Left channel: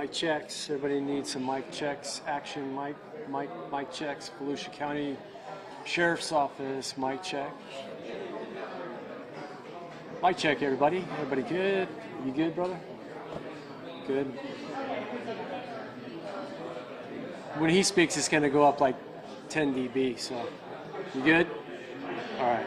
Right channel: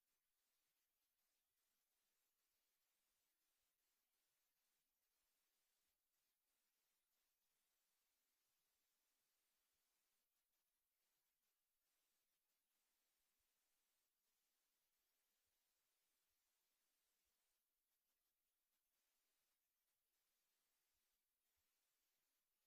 Mic checks. Everybody needs some mic checks. Action mic checks. Volusia County Sheriff's Office mic check. Mic check, everybody. Everybody good? You good, brother? Good. When he speaks, it's going to go up like 10 dB. So, you good? All right.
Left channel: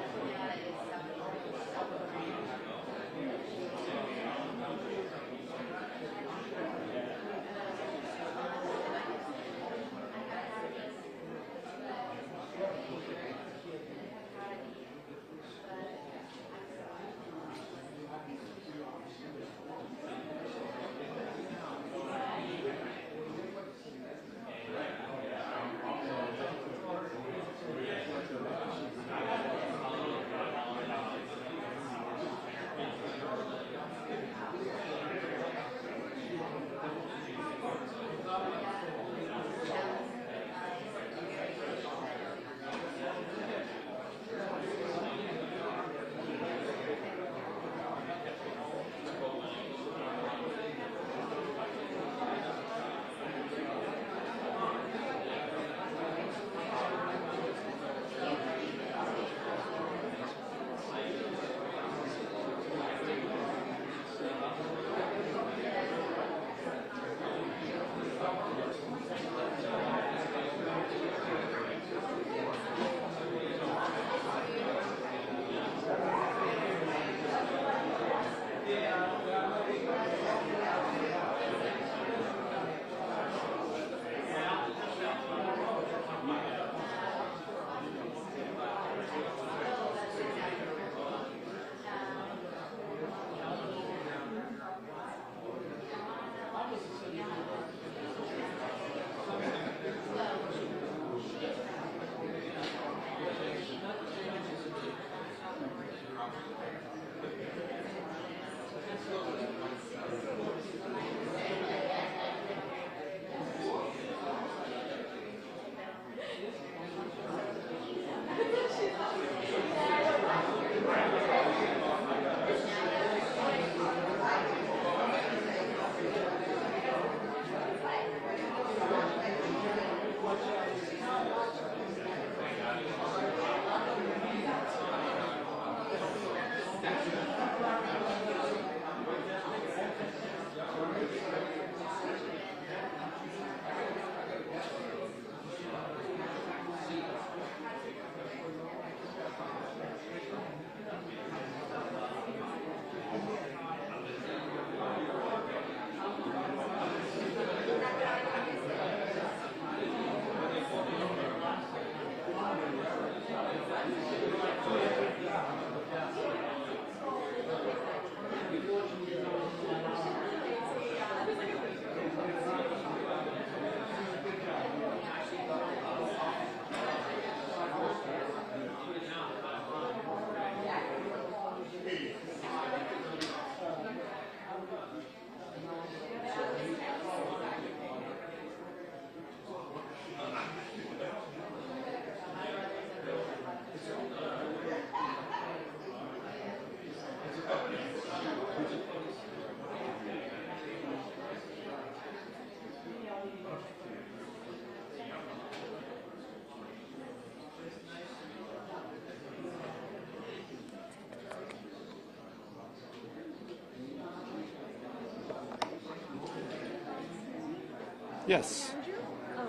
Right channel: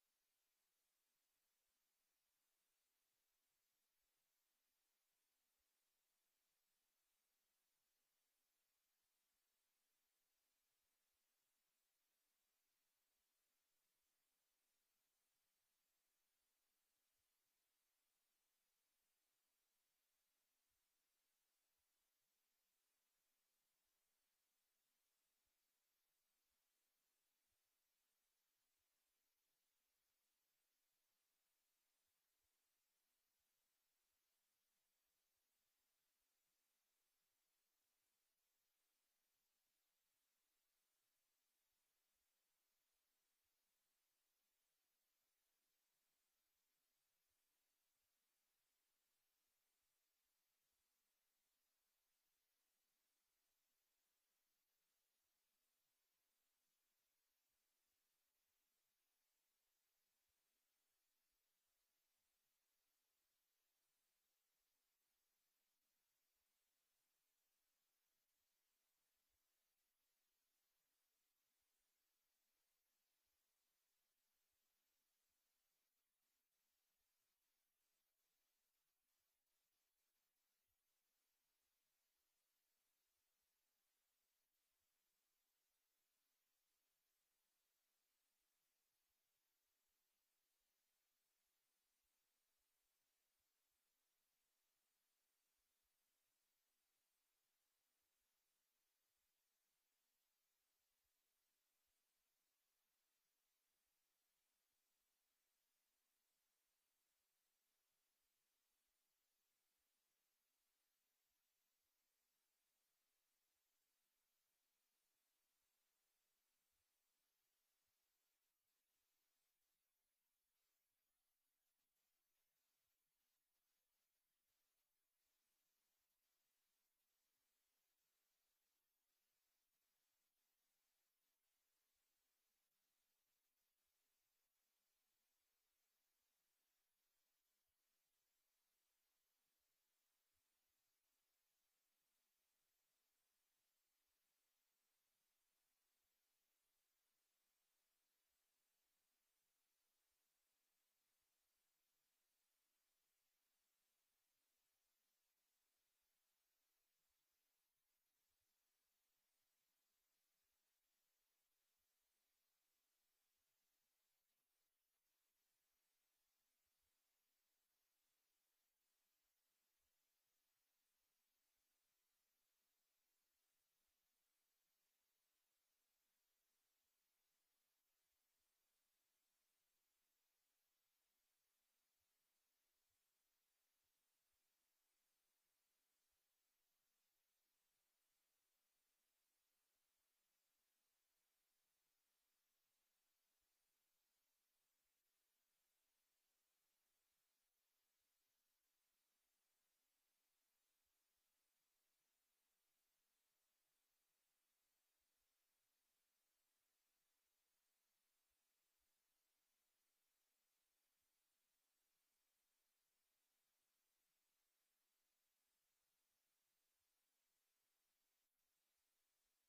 Yes.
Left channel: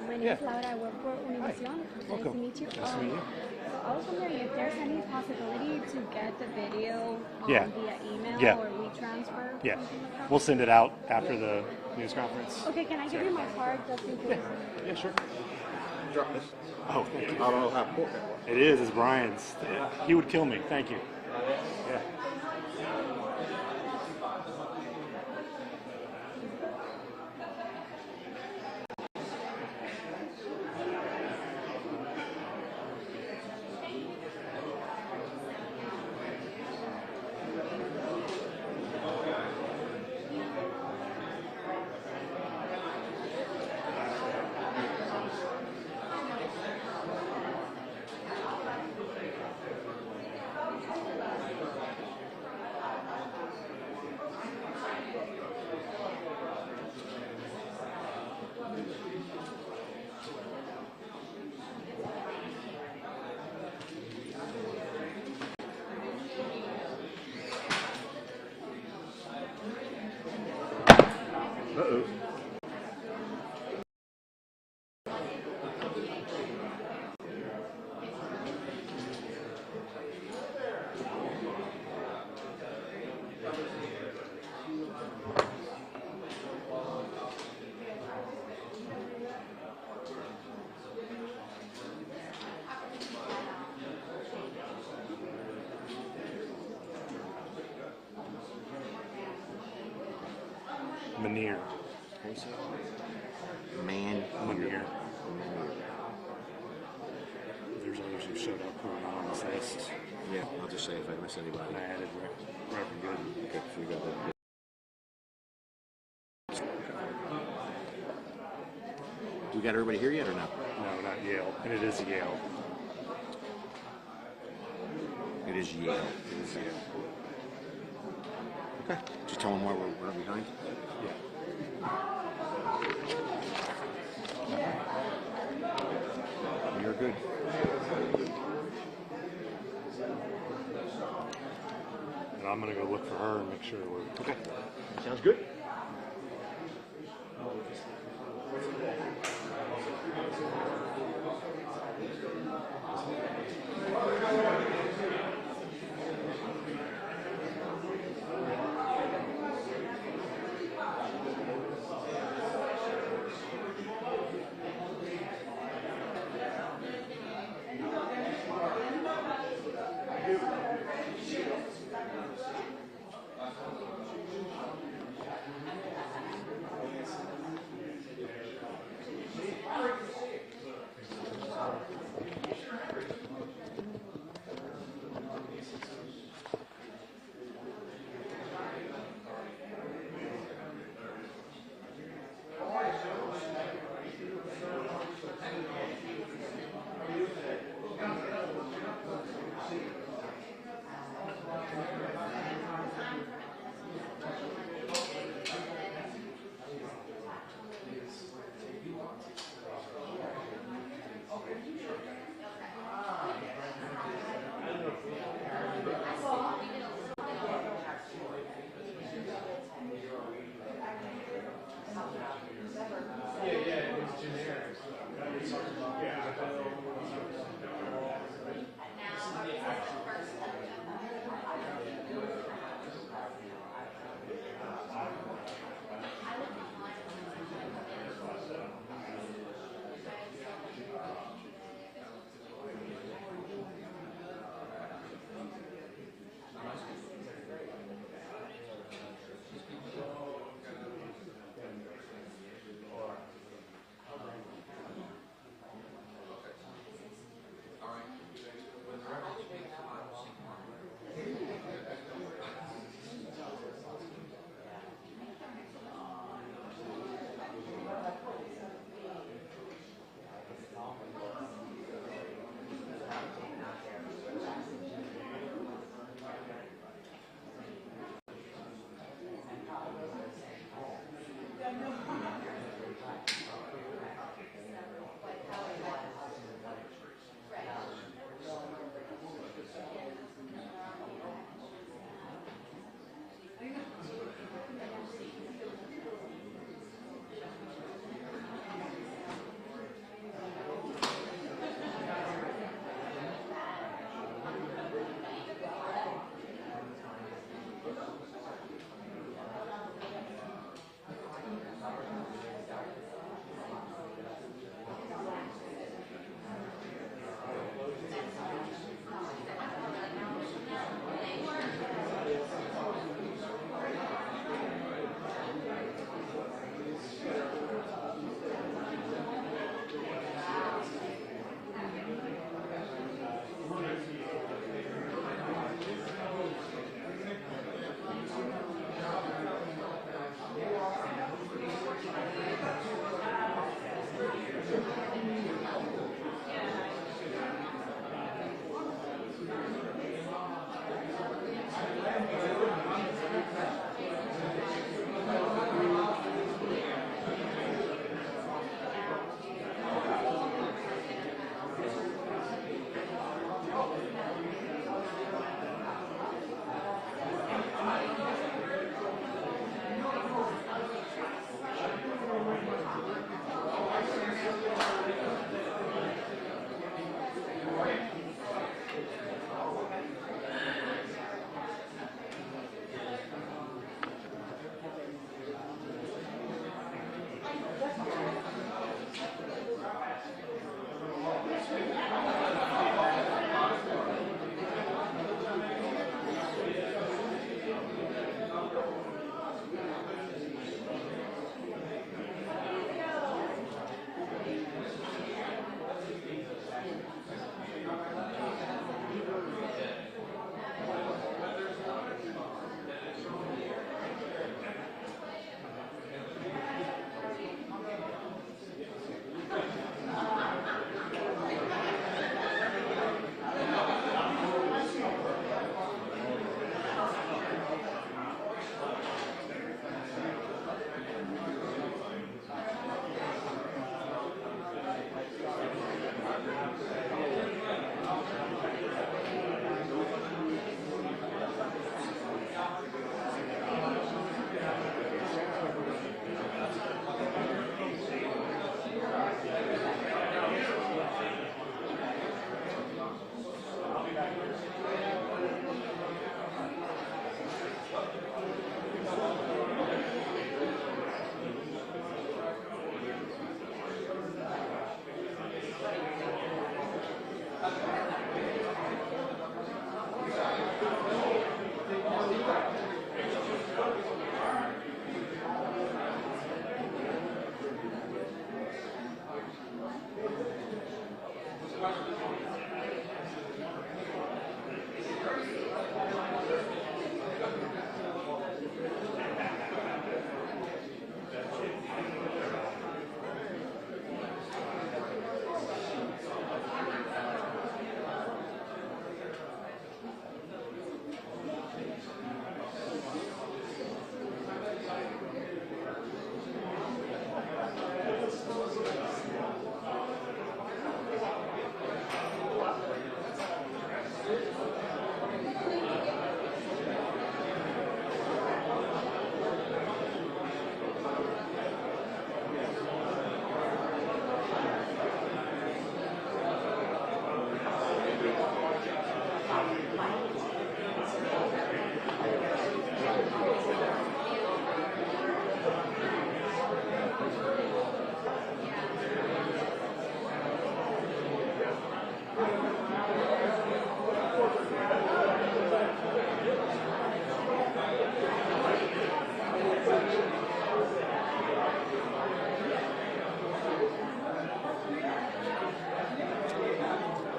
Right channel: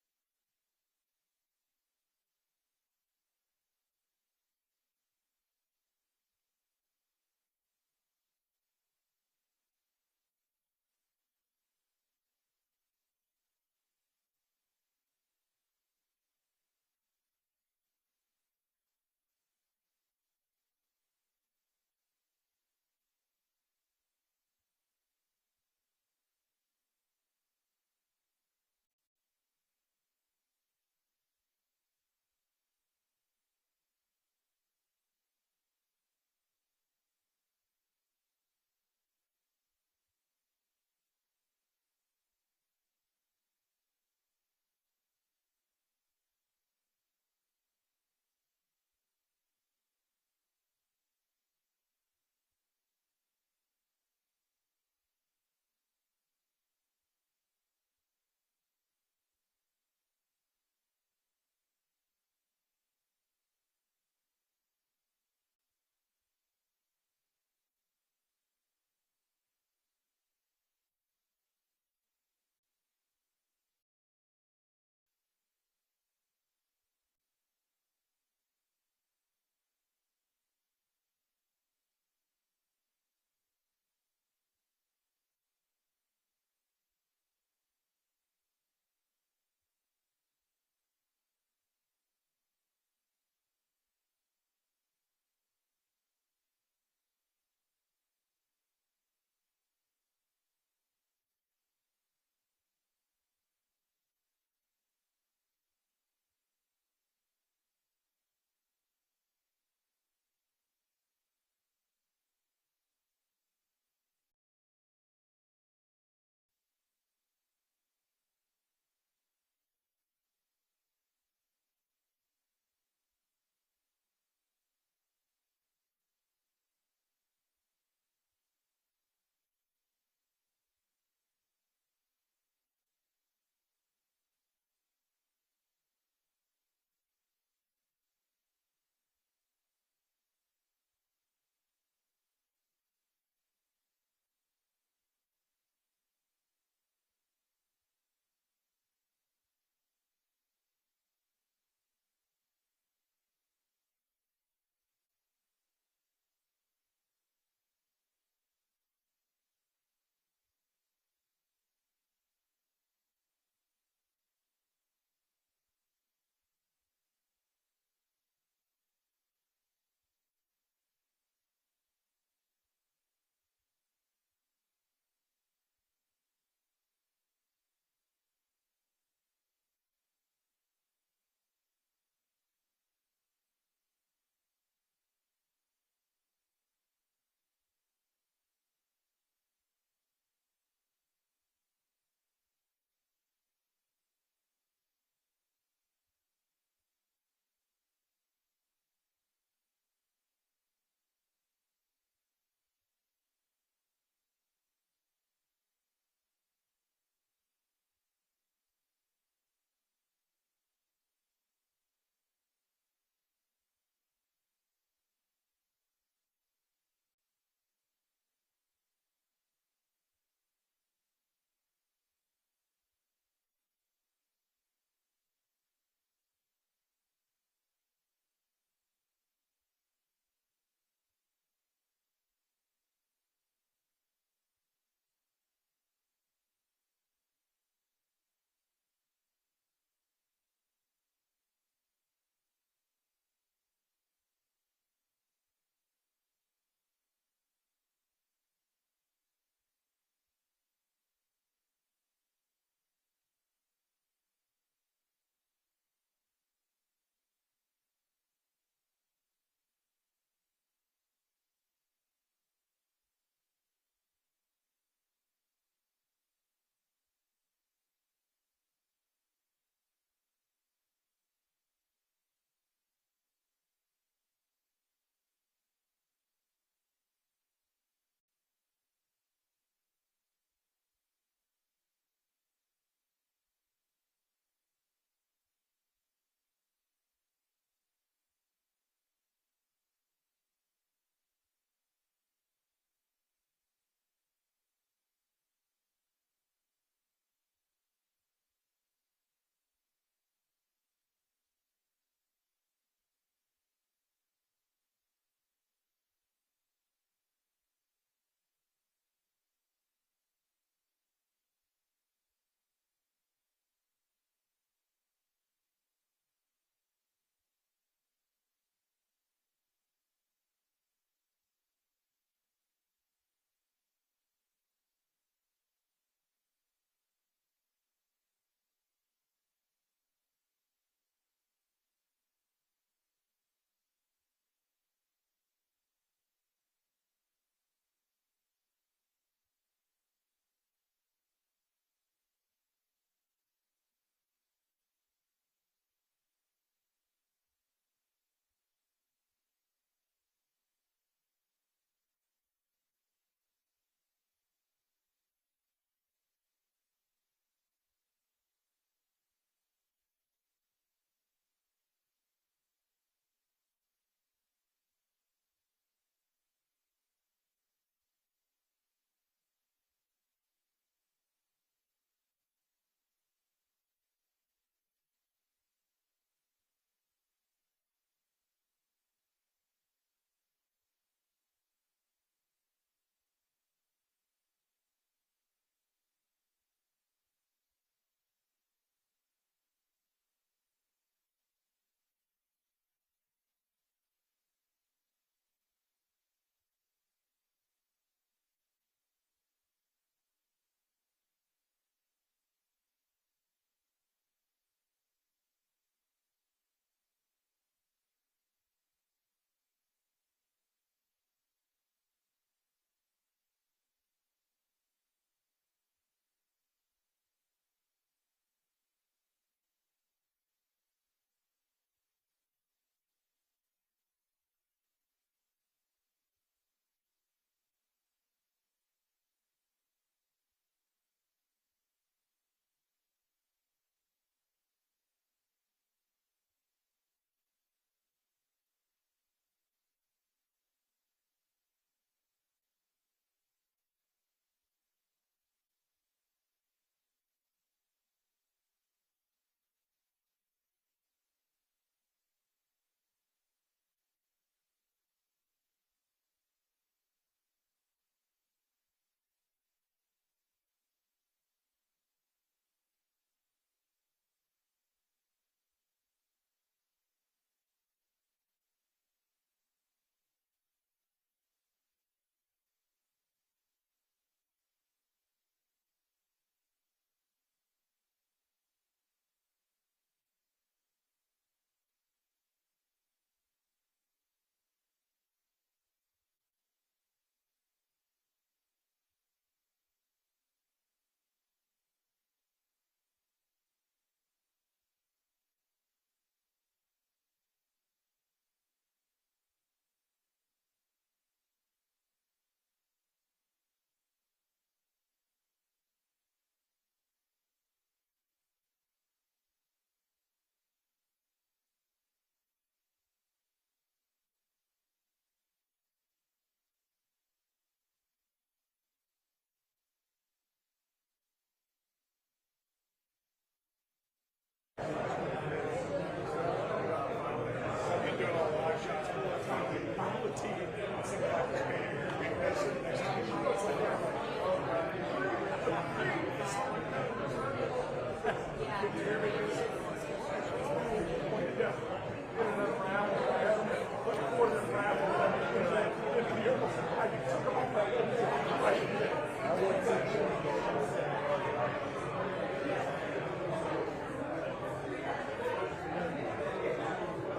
My name is Laura. I work for Univision. Nice Welcome. to meet you. Nice to meet you. So I was wondering if there's any possibility to get the video Yeah. via email Yeah. or WeTransfer. Yeah. Something like that? We'll send it out after the news conference. Okay, can I give you my card just in case? Yeah, sure. Drop this. Oh, thank you. I don't know how important that was. It is. It's Brian's. He would kill me. Thank you. Yeah. Uh-oh. Manier. Man. Manier. There's others who showed up who are not on this list. Yeah, I'll just say if I miss anybody. And I added Reverend Good. Okay, so we got that. Do we got everybody here yet or not? No, not Yale. And it is Yale. It is Yale. It is Yale. Okay. Just tell them why we're running behind. Yeah. You're good. And I'm going to go look for her and make sure we're... Okay. Sounds good.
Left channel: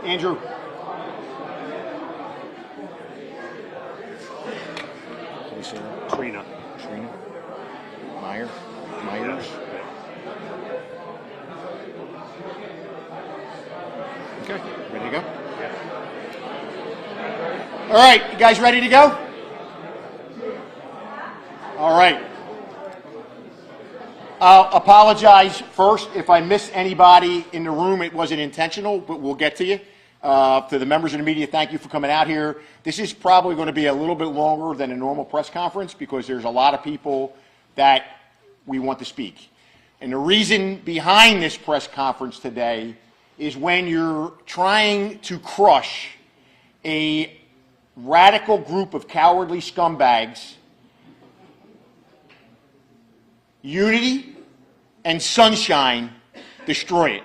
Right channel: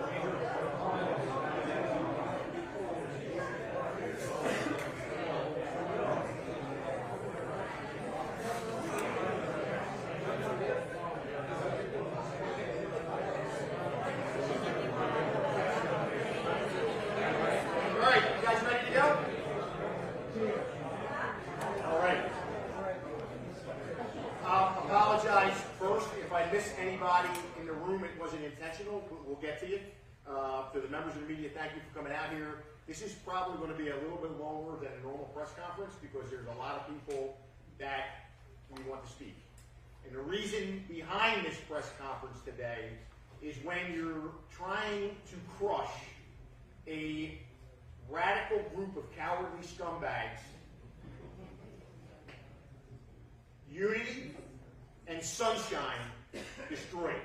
Andrew. Trina. Myers. Okay, ready to go? All right, you guys ready to go? All right. I'll apologize first if I missed anybody in the room. It wasn't intentional, but we'll get to you. To the members of the media, thank you for coming out here. This is probably going to be a little bit longer than a normal press conference because there's a lot of people that we want to speak. And the reason behind this press conference today is when you're trying to crush a radical group of cowardly scumbags, unity and sunshine destroy it.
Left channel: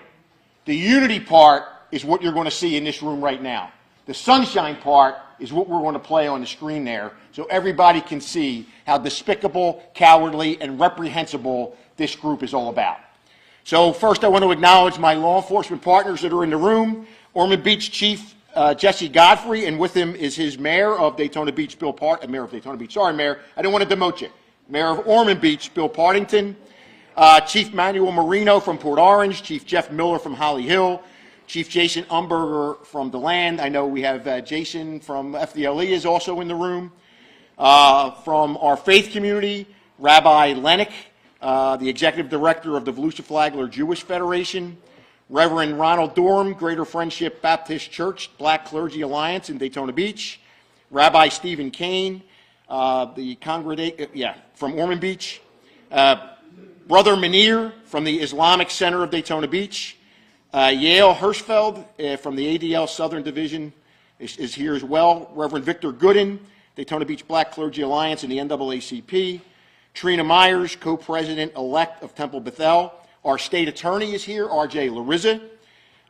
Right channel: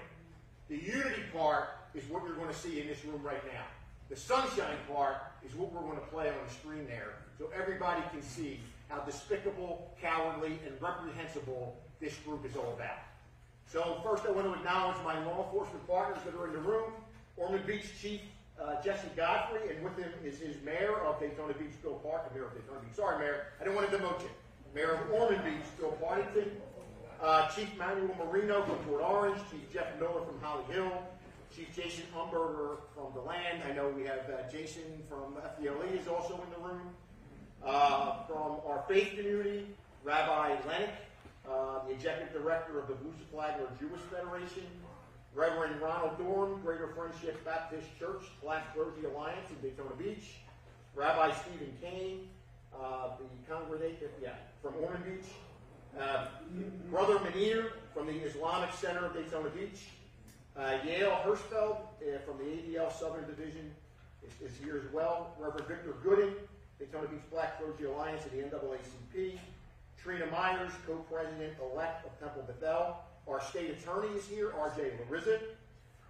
The unity part is what you're going to see in this room right now. The sunshine part is what we're going to play on the screen there so everybody can see how despicable, cowardly, and reprehensible this group is all about. So first I want to acknowledge my law enforcement partners that are in the room. Ormond Beach Chief Jesse Godfrey, and with him is his mayor of Daytona Beach, Mayor of Daytona Beach, sorry Mayor, I didn't want to demote you. Mayor of Ormond Beach, Bill Partington. Chief Manuel Marino from Port Orange, Chief Jeff Miller from Holly Hill, Chief Jason Umberger from DeLand. I know we have Jason from FDLE is also in the room. From our faith community, Rabbi Lennick, the Executive Director of the Volusia Flagler Jewish Federation, Reverend Ronald Durham, Greater Friendship Baptist Church, Black Clergy Alliance in Daytona Beach, Rabbi Stephen Kane, the congregation, from Ormond Beach, Brother Munir from the Islamic Center of Daytona Beach, Yael Hirschfeld from the ADL Southern Division is here as well. Reverend Victor Gooden, Daytona Beach Black Clergy Alliance and the NAACP. Trina Myers, co-president-elect of Temple Bethel. Our state attorney is here, R.J. Larissa.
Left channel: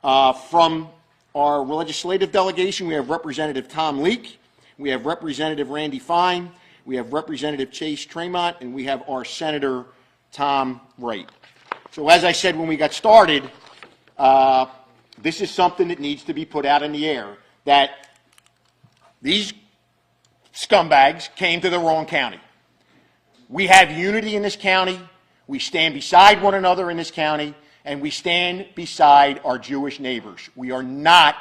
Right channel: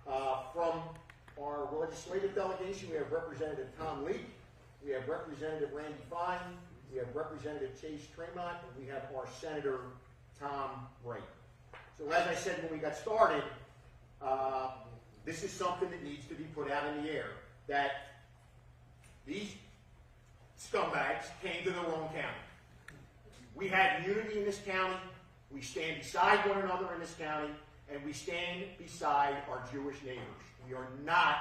From our legislative delegation, we have Representative Tom Leake. We have Representative Randy Fine. We have Representative Chase Tremont, and we have our Senator Tom Wright. So as I said when we got started, this is something that needs to be put out in the air, that these scumbags came to the wrong county. We have unity in this county. We stand beside one another in this county, and we stand beside our Jewish neighbors. We are not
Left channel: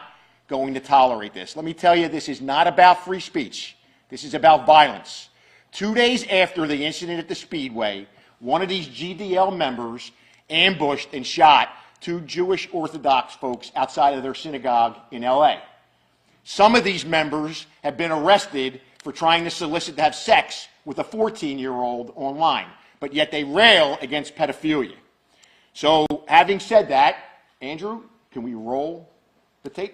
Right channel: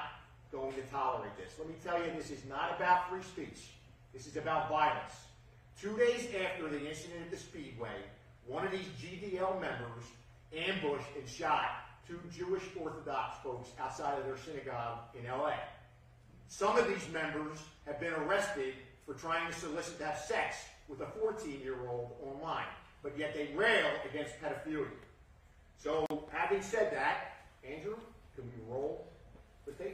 going to tolerate this. Let me tell you, this is not about free speech. This is about violence. 2 days after the incident at the Speedway, one of these GDL members ambushed and shot 2 Jewish Orthodox folks outside of their synagogue in LA. Some of these members have been arrested for trying to solicit to have sex with a 14-year-old online, but yet they rail against pedophilia. So having said that, Andrew, can we roll the tape?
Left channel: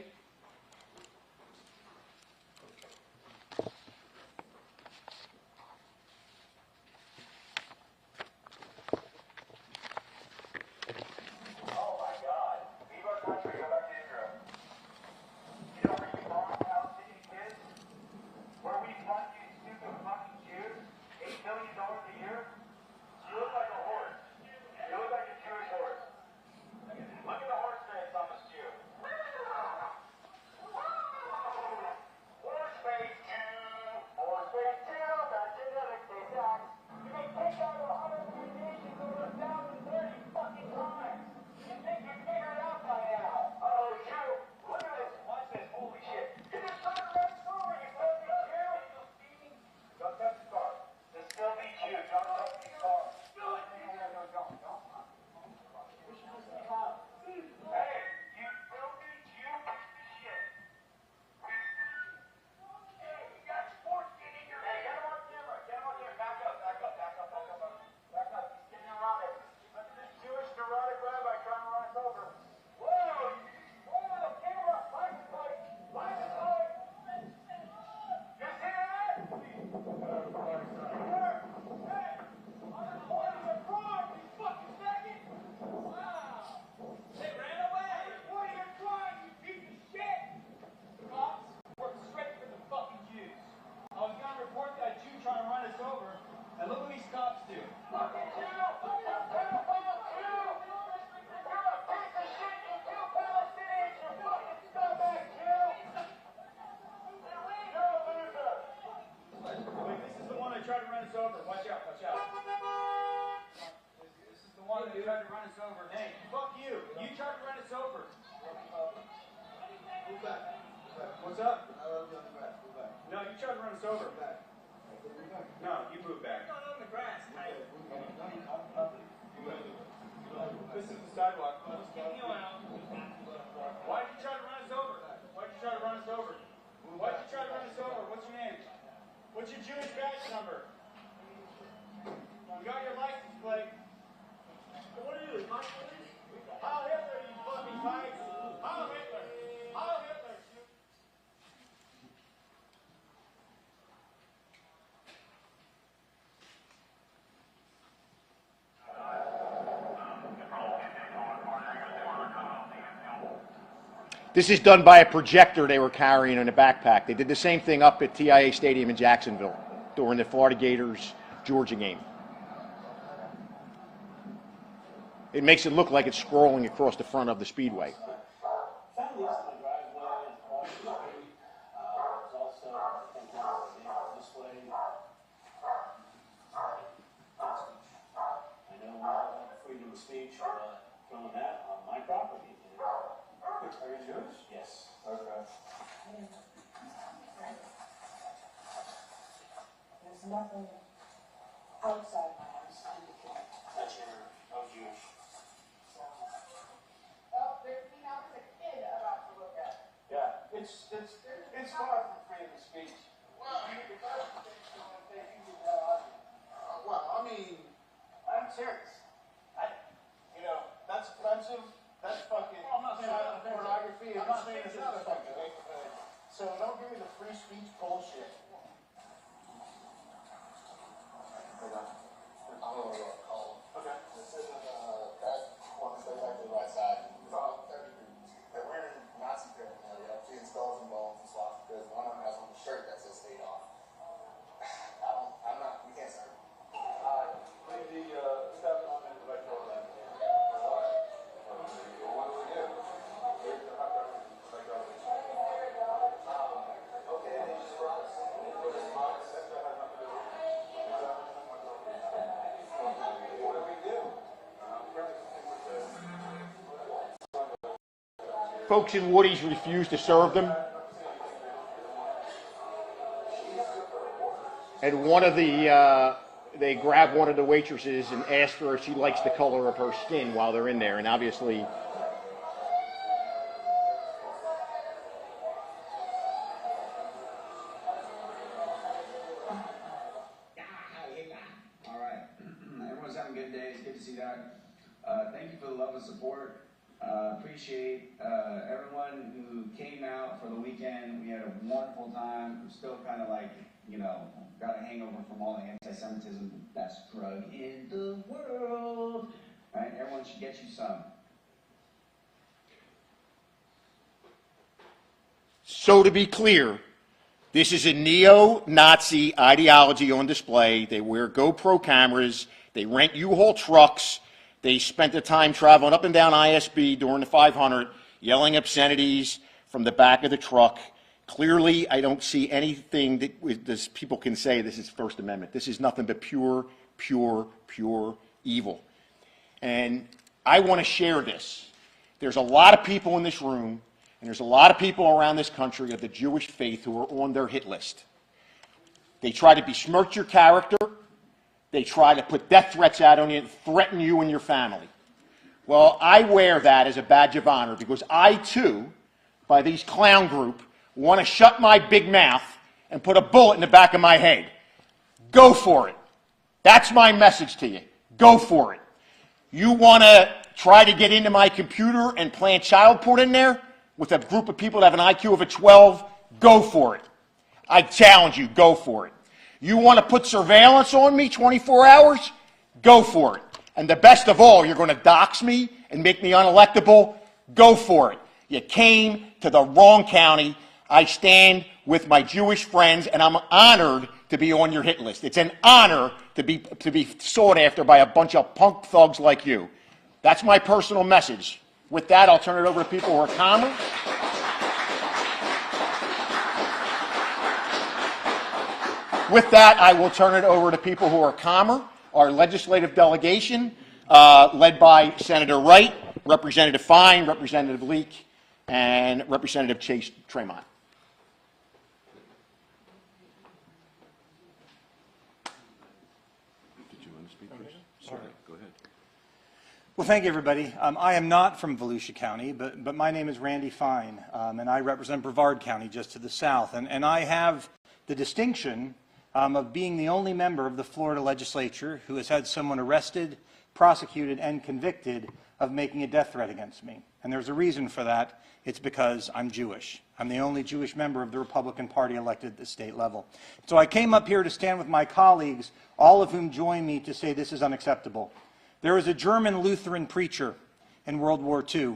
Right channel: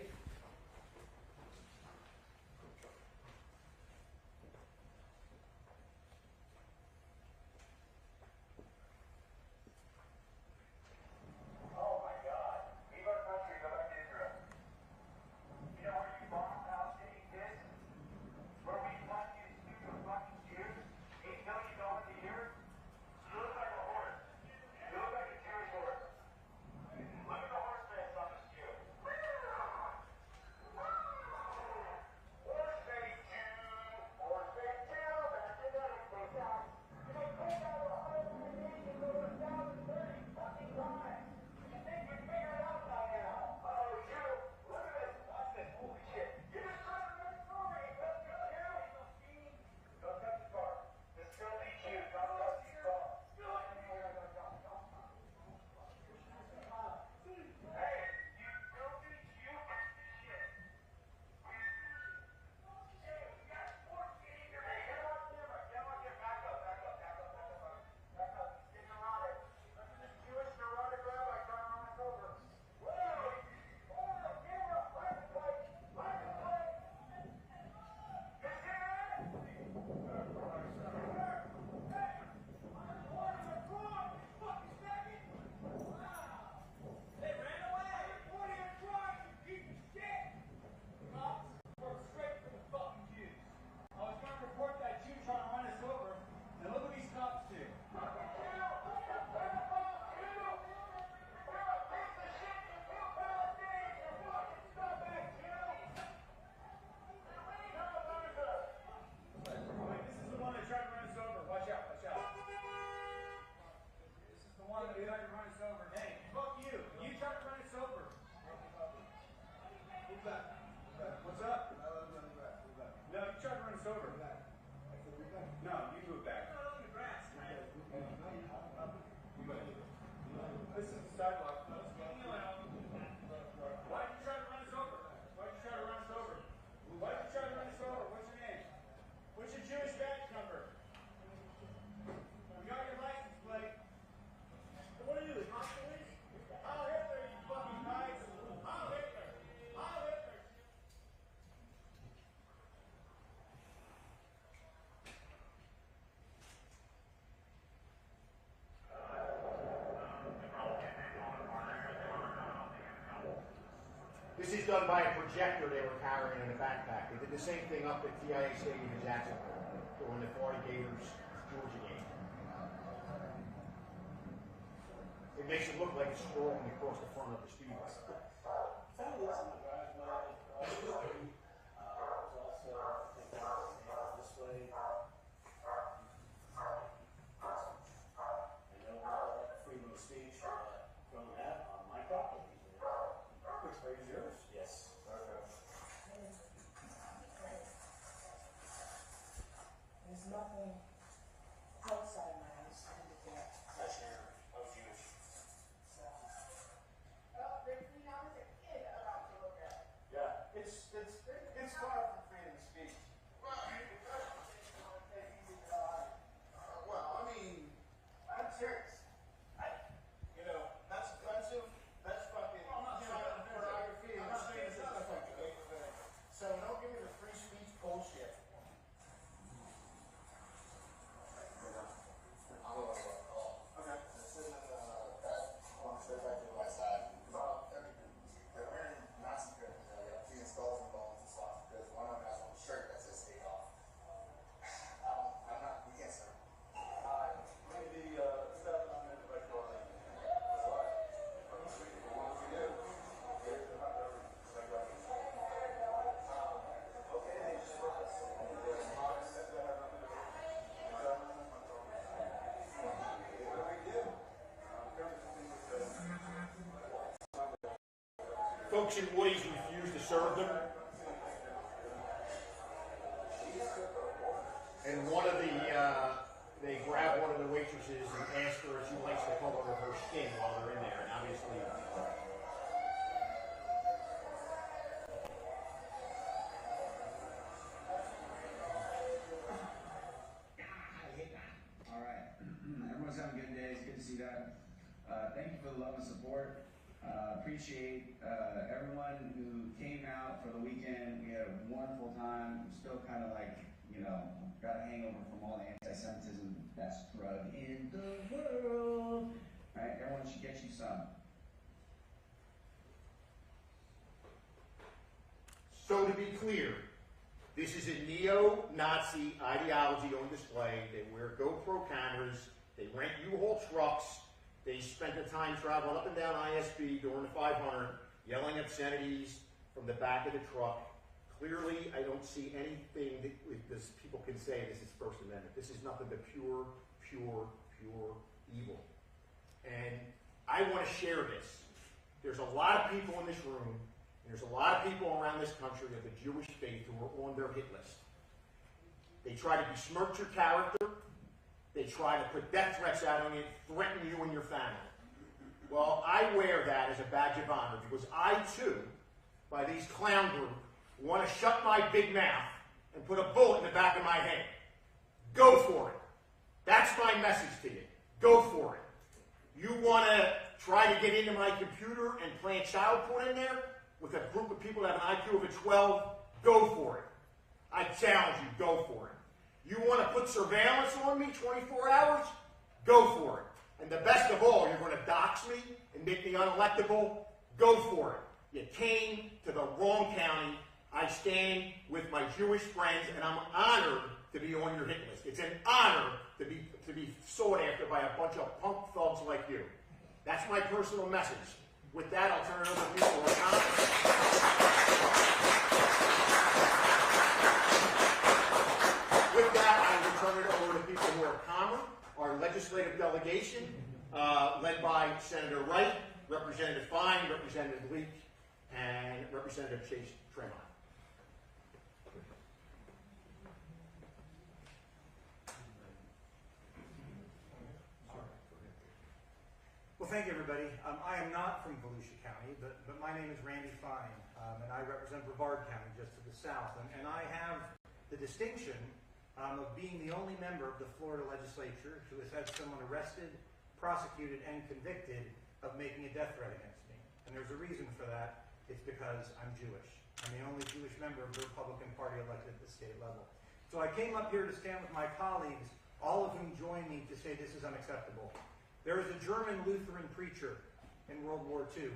What's up? No, you tried to run us over. No, you move back. Not on the grass. This is the sidewalk. Why did you try to run us over? Why did you try to run us over? Why did you try to run us over? What's your name? What's your Jewish badge number? You got your license plate. What are you? Heil Hitler, you fucking fags. Heil Hitler. Heil Hitler. This is done by a projector they were carrying in a backpack. They did the same thing up at TIA Stadium in Jacksonville during the Florida Gators-Georgia game. It makes it look like it's scrolling across the front of the Speedway. There's nothing outside my house to indicate That you're of Jewish. Oh, there's me now as a kid about to look at. Yeah, it's far from freedom of speech. Well, I mean, if I was to say someone say you can tell us. Well, I mean, I'm serious. That's offensive. That's fucking child pornography. I'm not saying this is offensive. So don't give me the free speech bullshit. Okay. This isn't that one says like the right side. It's all they're wearing Nazi paraphernalia, seeing skulls and bones and swastikas. One of them has on the shirt that says "Stay off." I'm not. We can't serve. Leave the stuff on the director. Folks in Woody's refused to serve them. And they grab one of the waitresses and ask her if she likes the color of her skin while they're in there. And obviously, All right. Everyone's having a good day. It's good to see that. Thank you for the love and support. Appreciate everyone who came out for the weekend. We had a wonderful time. We're still kind of like, got a hangover from all the antisemitism, the best drug in the world. Right? Everyone should get you some. so to be clear, this is a neo-Nazi ideology on display. They wear GoPro cameras. They rent U-Haul trucks. They spent the time traveling up and down ISB during the 500, yelling obscenities from the back of the truck. Clearly, I don't see anything that people can say this is First Amendment. This is nothing but pure evil. And I want to share this. There's a lot of people in this room, and there's a lot of people around this country of the Jewish faith who are on their hit list. They try to besmirch your character. They try to put death threats out on you and threaten you and your family. Well, I wear that as a badge of honor because I, too, by these clown group, want to shut my big mouth and put a bullet in the back of my head. Go for it. That's my message to you. Go for it. You want to try to get into my computer and plant child porn in there with a group of people that have an IQ of a 12? Go for it. I challenge you, go for it. You want to put surveillance on me 24 hours? Go for it. And the best of all, you're going to dox me and make me unelectable? Go for it. You came to the wrong county. I stand with my Jewish friends, and I'm honored to be on your hit list. It's an honor to be sought after by a bunch of punk thugs like you. That's my personal message. With that, I'll turn it over to people who are calmer. With that, I will turn it over to people who are calmer. Our legislative delegation, led by Senator Wright, Representative Fine, Representative Leak, and Representative Chase Tremont. Well, thank you, everybody. I am not from Volusia County, but my name is Randy Fine, and I represent Brevard County just to the south. And I have the distinction of being the only member of the Florida legislature who has had someone arrested, prosecuted, and convicted of making a death threat against me. And there's a reason for that. It's because I'm Jewish. I'm the only Jewish member of the Republican Party elected at the state level. So I came up here to stand with my colleagues, all of whom join me to say this is unacceptable. There was a German Lutheran preacher in World War II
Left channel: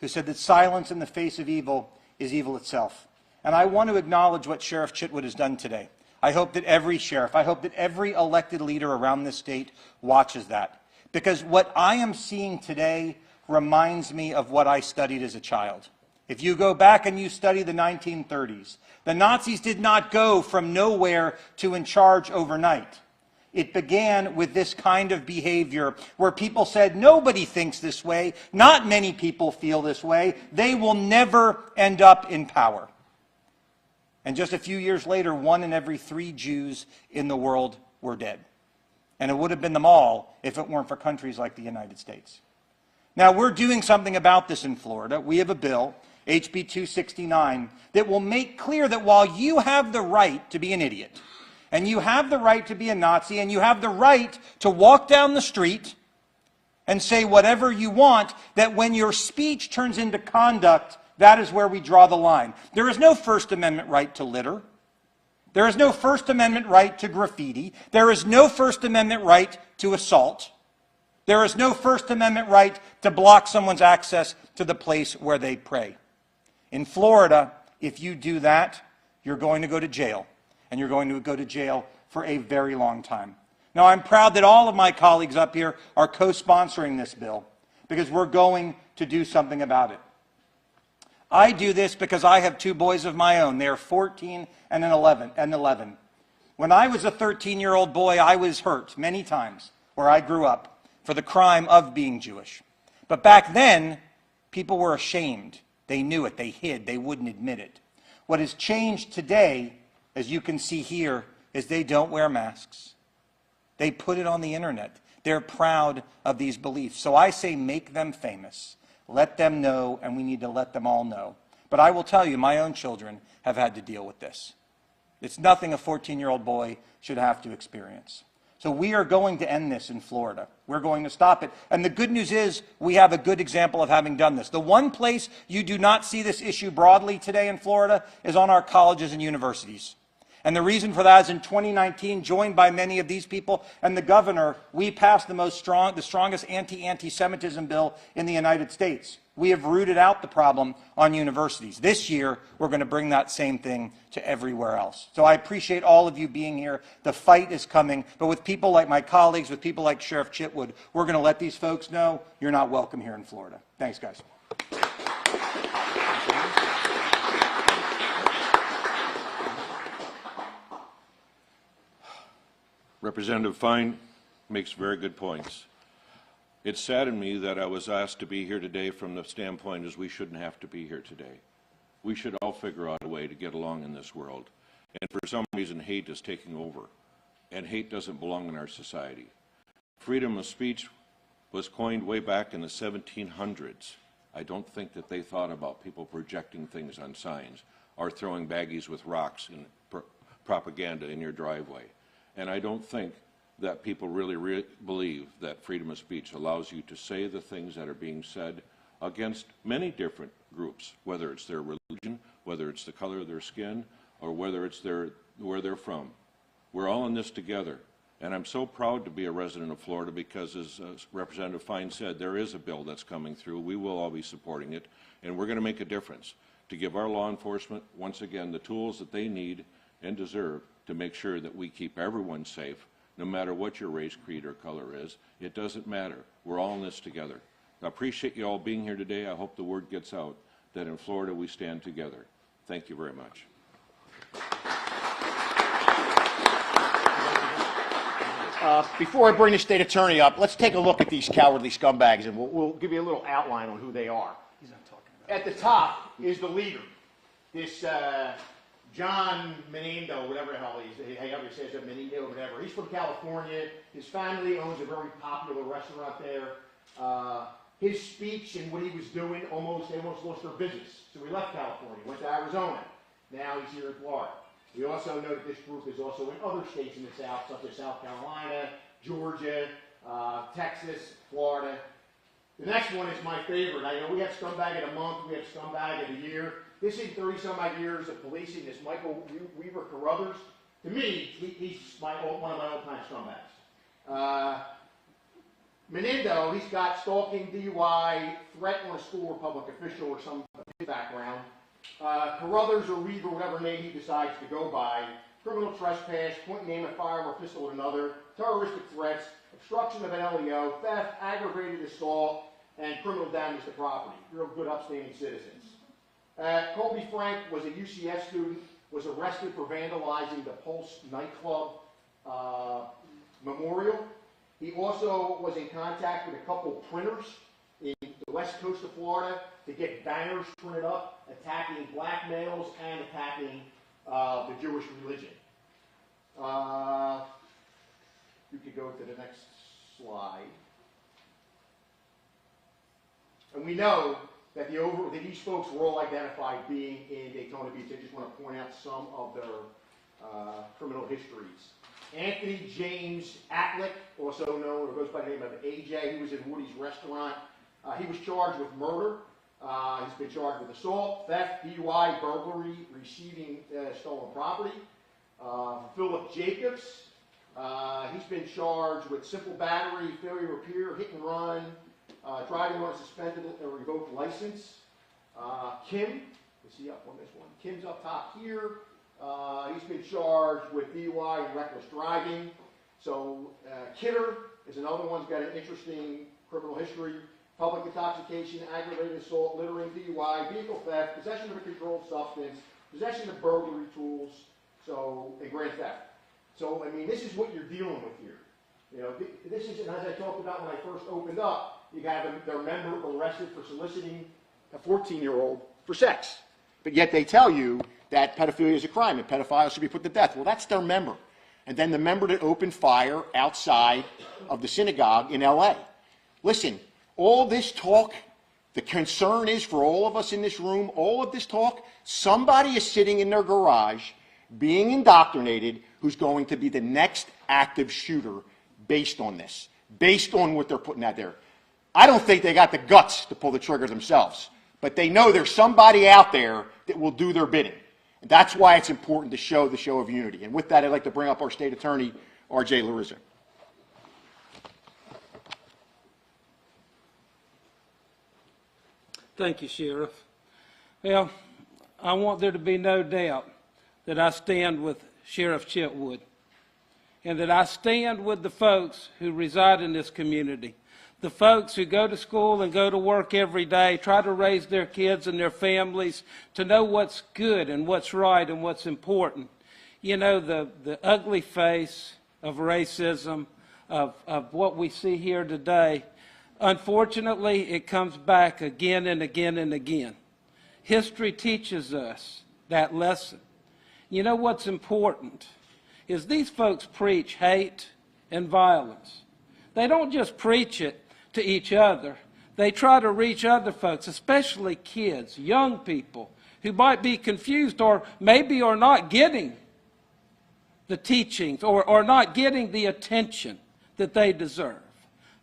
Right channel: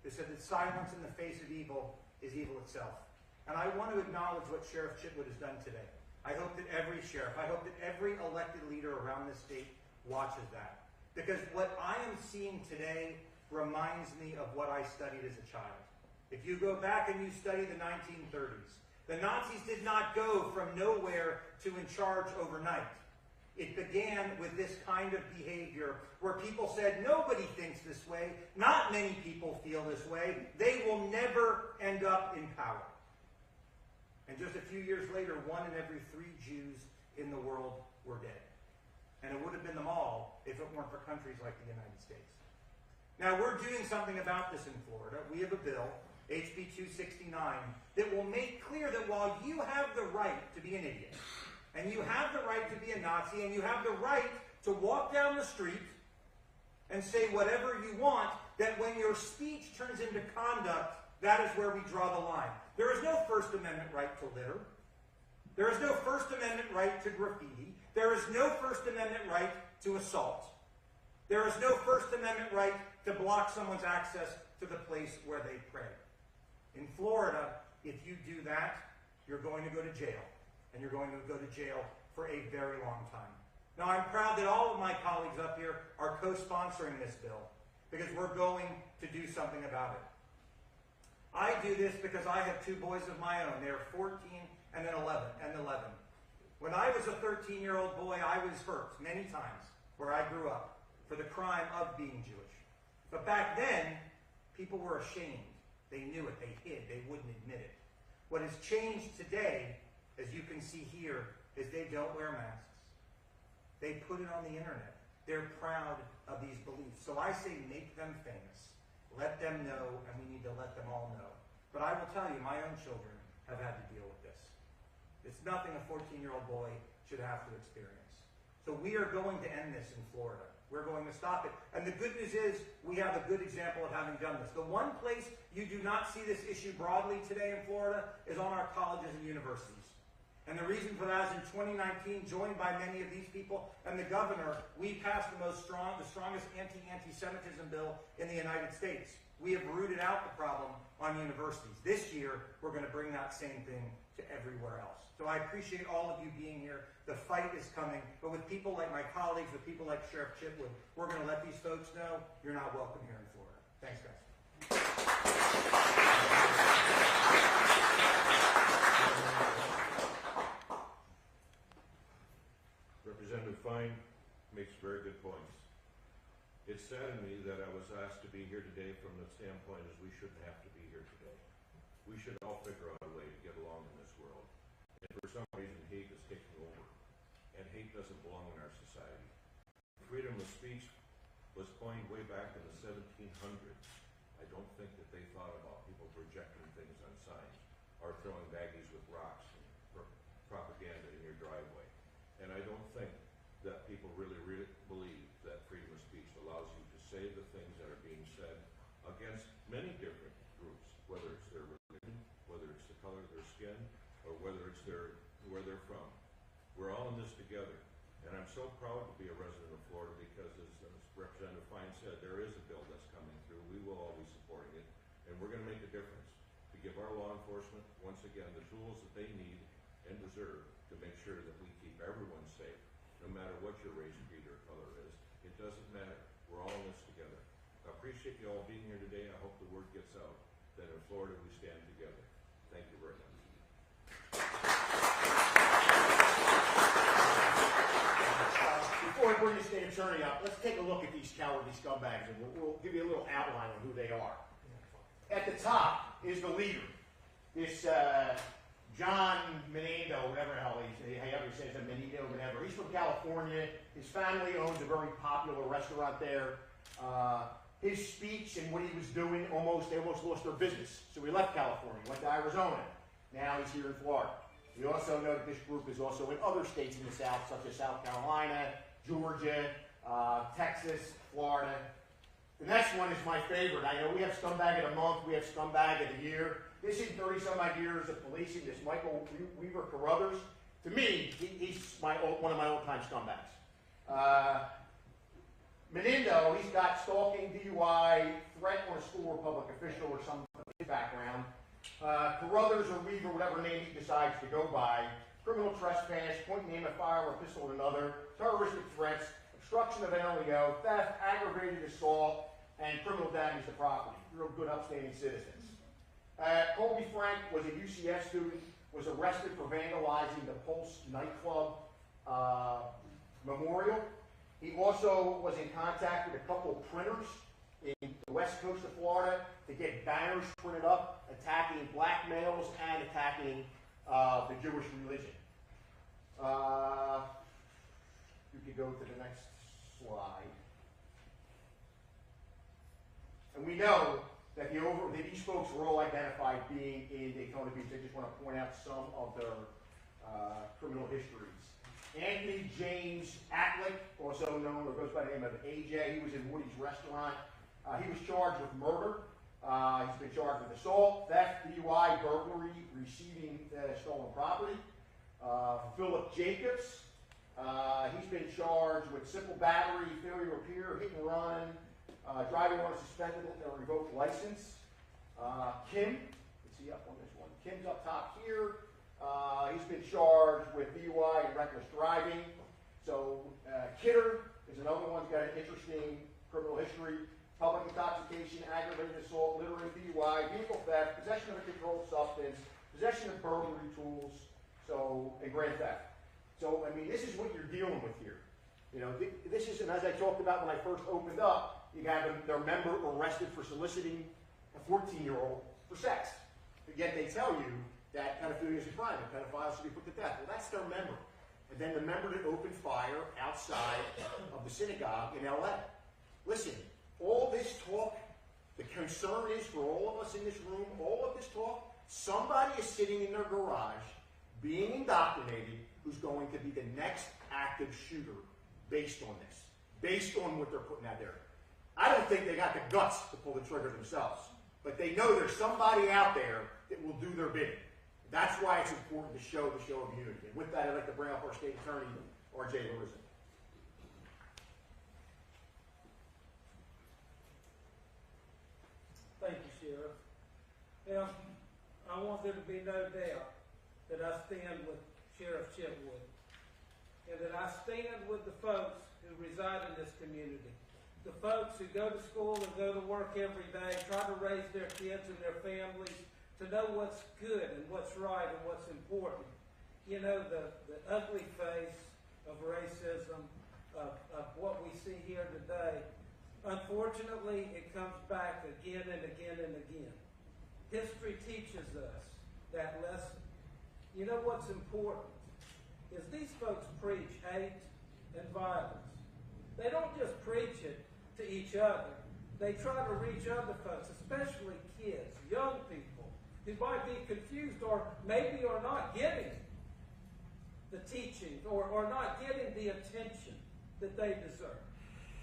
who said that silence in the face of evil is evil itself. And I want to acknowledge what Sheriff Chitwood has done today. I hope that every sheriff, I hope that every elected leader around this state watches that. Because what I am seeing today reminds me of what I studied as a child. If you go back and you study the 1930s, the Nazis did not go from nowhere to in charge overnight. It began with this kind of behavior where people said, nobody thinks this way, not many people feel this way, they will never end up in power. And just a few years later, 1 in every 3 Jews in the world were dead. And it would have been them all if it weren't for countries like the United States. Now, we're doing something about this in Florida. We have a bill, HB 269, that will make clear that while you have the right to be an idiot, and you have the right to be a Nazi, and you have the right to walk down the street and say whatever you want, that when your speech turns into conduct, that is where we draw the line. There is no First Amendment right to litter. There is no First Amendment right to graffiti. There is no First Amendment right to assault. There is no First Amendment right to block someone's access to the place where they pray. In Florida, if you do that, you're going to go to jail. And you're going to go to jail for a very long time. Now, I'm proud that all of my colleagues up here are co-sponsoring this bill because we're going to do something about it. I do this because I have 2 boys of my own. They're 14 and 11. When I was a 13-year-old boy, I was hurt many times where I grew up for the crime of being Jewish. But back then, people were ashamed. They knew it. They hid. They wouldn't admit it. What has changed today, as you can see here, is they don't wear masks. They put it on the internet. They're proud of these beliefs. So I say make them famous. Let them know, and we need to let them all know. But I will tell you, my own children have had to deal with this. It's nothing a 14-year-old boy should have to experience. So we are going to end this in Florida. We're going to stop it. And the good news is we have a good example of having done this. The one place you do not see this issue broadly today in Florida is on our colleges and universities. And the reason for that is in 2019, joined by many of these people and the governor, we passed the strongest anti-Semitism bill in the United States. We have rooted out the problem on universities. This year, we're going to bring that same thing to everywhere else. So I appreciate all of you being here. The fight is coming, but with people like my colleagues, with people like Sheriff Chitwood, we're going to let these folks know you're not welcome here in Florida. Thanks, guys. Representative Fine makes very good points. It saddened me that I was asked to be here today from the standpoint as we shouldn't have to be here today. We should all figure out a way to get along in this world. And for some reason, hate is taking over. And hate doesn't belong in our society. Freedom of speech was coined way back in the 1700s. I don't think that they thought about people projecting things on signs or throwing baggies with rocks and propaganda in your driveway. And I don't think that people really believe that freedom of speech allows you to say the things that are being said against many different groups, whether it's their religion, whether it's the color of their skin, or whether it's where they're from. We're all in this together. And I'm so proud to be a resident of Florida because, as Representative Fine said, there is a bill that's coming through. We will all be supporting it, and we're going to make a difference to give our law enforcement, once again, the tools that they need and deserve to make sure that we keep everyone safe, no matter what your race, creed, or color is. It doesn't matter. We're all in this together. I appreciate you all being here today. I hope the word gets out that in Florida we stand together. Thank you very much. Before I bring the state attorney up, let's take a look at these cowardly scumbags, and we'll give you a little outline on who they are. At the top is the leader, this John Menino, whatever the hell however he says it, Menino, whatever. He's from California. His family owns a very popular restaurant there. His speech and what he was doing, they almost lost their business. So he left California, went to Arizona. Now he's here in Florida. We also know that this group is also in other states in the South, such as South Carolina, Georgia, Texas, Florida. The next one is my favorite. I know we have scumbag of the month, we have scumbag of the year. This is 30-some-odd years of policing, this Michael Weaver Carruthers. To me, he's one of my old-time scumbags. Menendo, he's got stalking, DUI, threat on a school or public official or some background. Carruthers or Weaver, whatever name he decides to go by. Criminal trespass, pointing aim at fire or pistol at another, terroristic threats, obstruction of an LEO, theft, aggravated assault, and criminal damage to property. Real good, upstanding citizens. Colby Frank was a UCF student, was arrested for vandalizing the Pulse nightclub memorial. He also was in contact with a couple printers in the west coast of Florida to get banners printed up attacking black males and attacking the Jewish religion. You could go to the next slide. And we know that these folks were all identified being in Daytona Beach. I just want to point out some of their criminal histories. Anthony James Atlick, also known or goes by the name of AJ, he was in Woody's restaurant. He was charged with murder. He's been charged with assault, theft, DUI, burglary, receiving stolen property. Philip Jacobs, he's been charged with simple battery, failure of repair, hit and run, driving on a suspended or revoked license. Kim, is he up on this one? Kim's up top here. He's been charged with DUI and reckless driving. So Kidder is another one who's got an interesting criminal history. Public intoxication, aggravated assault, littering, DUI, vehicle theft, possession of a controlled substance, possession of burglary tools, and grand theft. So, I mean, this is what you're dealing with here. You know, this is, and as I talked about when I first opened up, you have their member arrested for soliciting a 14-year-old for sex. But yet they tell you that pedophilia is a crime and pedophiles should be put to death. Well, that's their member. And then the member that opened fire outside of the synagogue in L.A. Listen, all this talk, the concern is for all of us in this room, all of this talk, somebody is sitting in their garage being indoctrinated who's going to be the next active shooter based on this, based on what they're putting out there. I don't think they got the guts to pull the trigger themselves, but they know there's somebody out there that will do their bidding. And that's why it's important to show the show of unity. And with that, I'd like to bring up our state attorney, R.J. Larizza. Thank you, Sheriff. Well, I want there to be no doubt that I stand with Sheriff Chitwood and that I stand with the folks who reside in this community, the folks who go to school and go to work every day, try to raise their kids and their families to know what's good and what's right and what's important. You know, the ugly face of racism, of what we see here today, unfortunately, it comes back again and again and again. History teaches us that lesson. You know what's important is these folks preach hate and violence. They don't just preach it to each other. They try to reach other folks, especially kids, young people, who might be confused or maybe are not getting the teachings or not getting the attention that they deserve.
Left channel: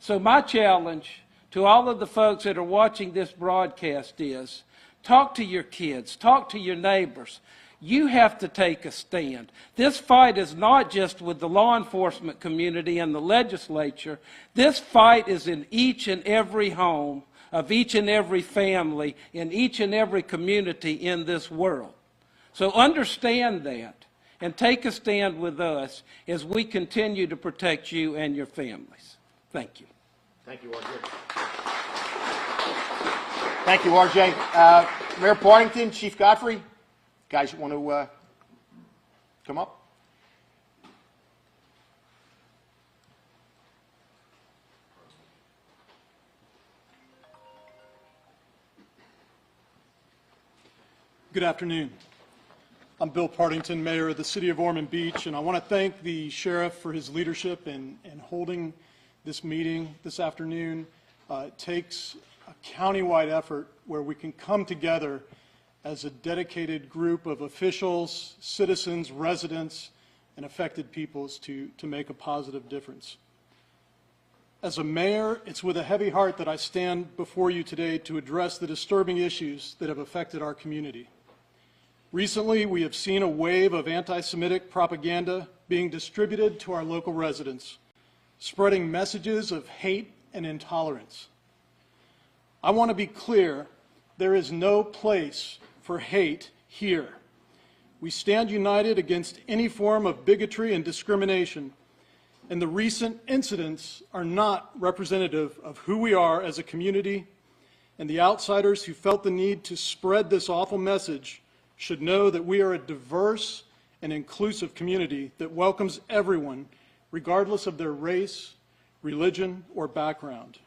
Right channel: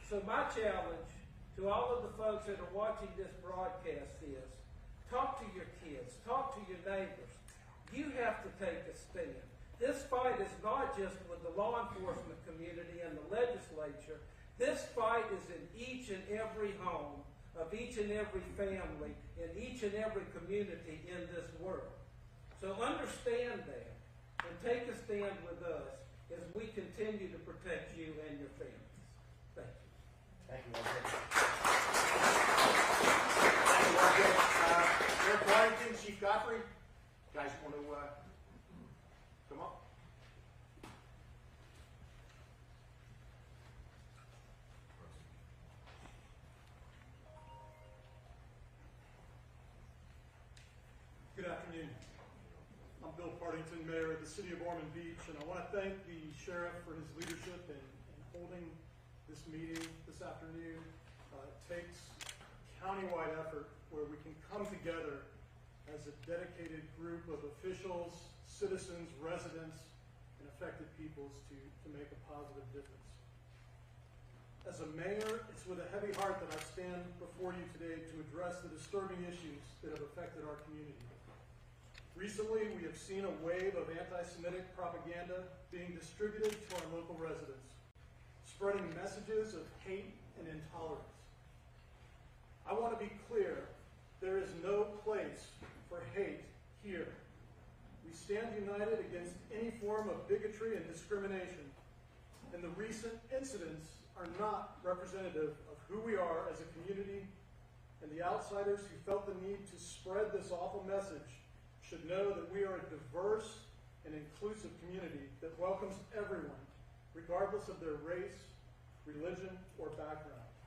So my challenge to all of the folks that are watching this broadcast is, talk to your kids, talk to your neighbors. You have to take a stand. This fight is not just with the law enforcement community and the legislature. This fight is in each and every home of each and every family in each and every community in this world. So understand that and take a stand with us as we continue to protect you and your families. Thank you. Thank you, R.J. Thank you, R.J. Mayor Partington, Chief Godfrey, guys want to come up? Good afternoon. I'm Bill Partington, Mayor of the City of Ormond Beach, and I want to thank the Sheriff for his leadership in holding this meeting this afternoon. It takes a countywide effort where we can come together as a dedicated group of officials, citizens, residents, and affected peoples to make a positive difference. As a mayor, it's with a heavy heart that I stand before you today to address the disturbing issues that have affected our community. Recently, we have seen a wave of anti-Semitic propaganda being distributed to our local residents, spreading messages of hate and intolerance. I want to be clear, there is no place for hate here. We stand united against any form of bigotry and discrimination, and the recent incidents are not representative of who we are as a community, and the outsiders who felt the need to spread this awful message should know that we are a diverse and inclusive community that welcomes everyone, regardless of their race, religion, or background.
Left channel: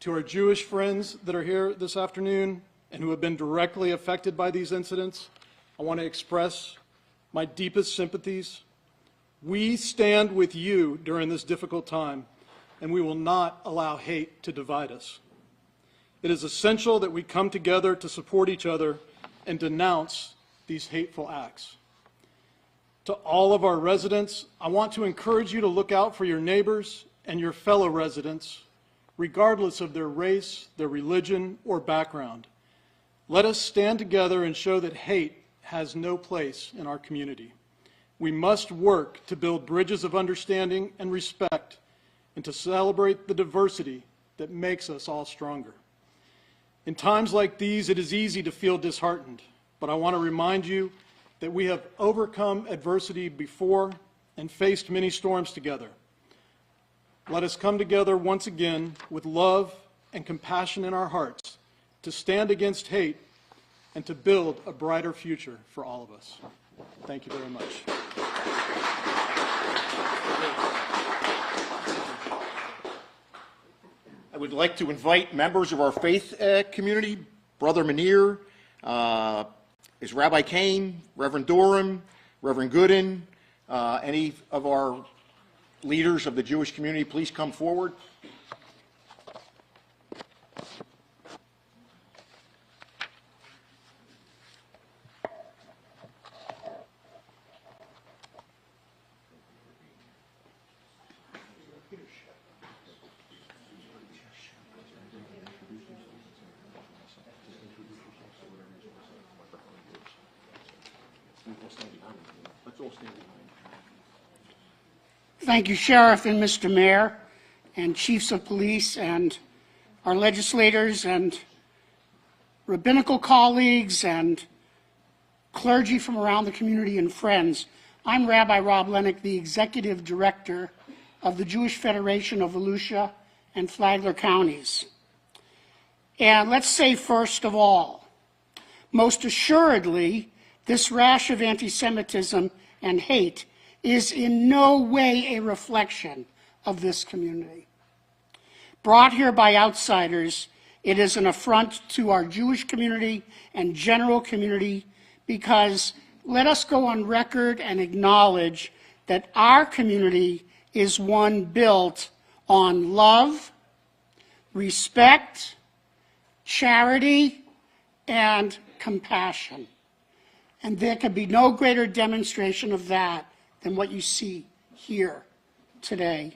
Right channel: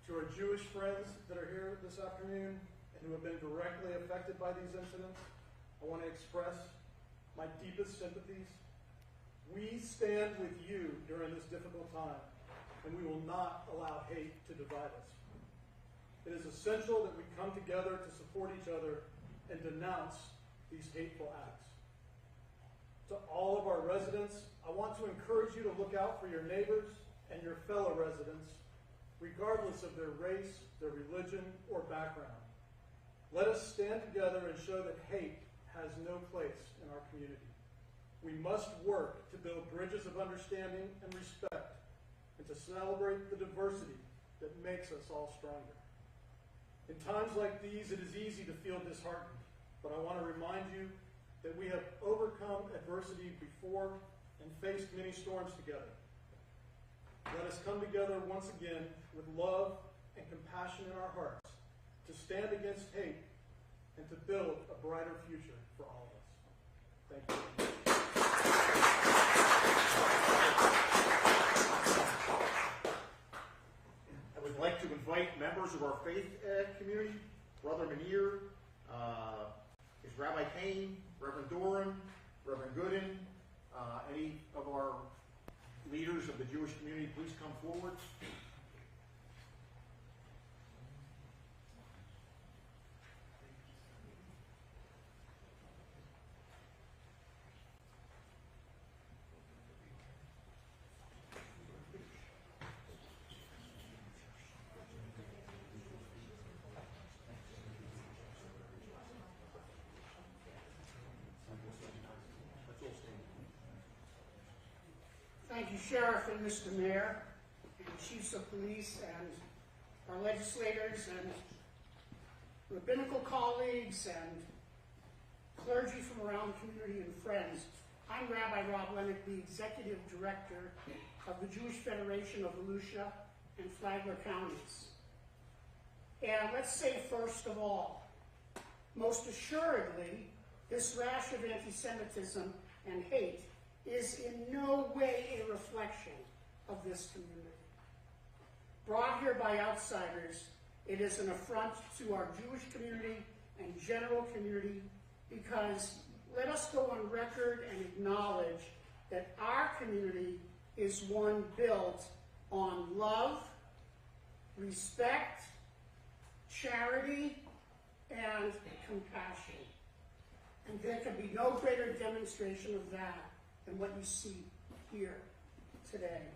To our Jewish friends that are here this afternoon and who have been directly affected by these incidents, I want to express my deepest sympathies. We stand with you during this difficult time, and we will not allow hate to divide us. It is essential that we come together to support each other and denounce these hateful acts. To all of our residents, I want to encourage you to look out for your neighbors and your fellow residents, regardless of their race, their religion, or background. Let us stand together and show that hate has no place in our community. We must work to build bridges of understanding and respect and to celebrate the diversity that makes us all stronger. In times like these, it is easy to feel disheartened, but I want to remind you that we have overcome adversity before and faced many storms together. Let us come together once again with love and compassion in our hearts to stand against hate and to build a brighter future for all of us. Thank you very much. I would like to invite members of our faith community, Brother Munir, is Rabbi Kane, Reverend Durham, Reverend Gooden, any of our leaders of the Jewish community, please come forward. Thank you, Sheriff and Mr. Mayor, and Chiefs of Police, and our legislators, and rabbinical colleagues, and clergy from around the community, and friends. I'm Rabbi Rob Lennick, the Executive Director of the Jewish Federation of Volusia and Flagler Counties. And let's say, first of all, most assuredly, this rash of anti-Semitism and hate is in no way a reflection of this community. Brought here by outsiders, it is an affront to our Jewish community and general community because let us go on record and acknowledge that our community is one built on love, respect, charity, and compassion. And there can be no greater demonstration of that than what you see here today.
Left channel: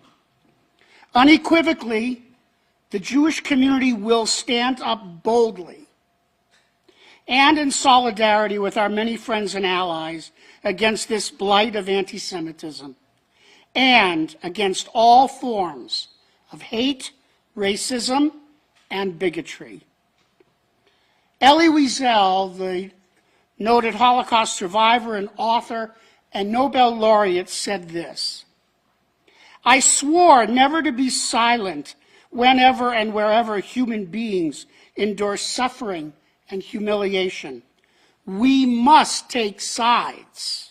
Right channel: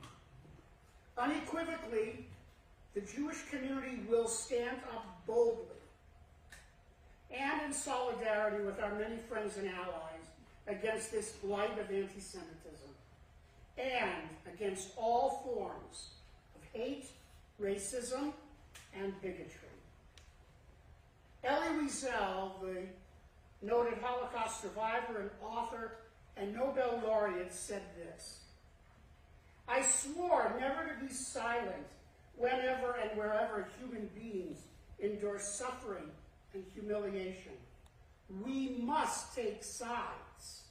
Unequivocally, the Jewish community will stand up boldly and in solidarity with our many friends and allies against this blight of anti-Semitism and against all forms of hate, racism, and bigotry. Elie Wiesel, the noted Holocaust survivor and author and Nobel laureate, said this: "I swore never to be silent whenever and wherever human beings endure suffering and humiliation. We must take sides.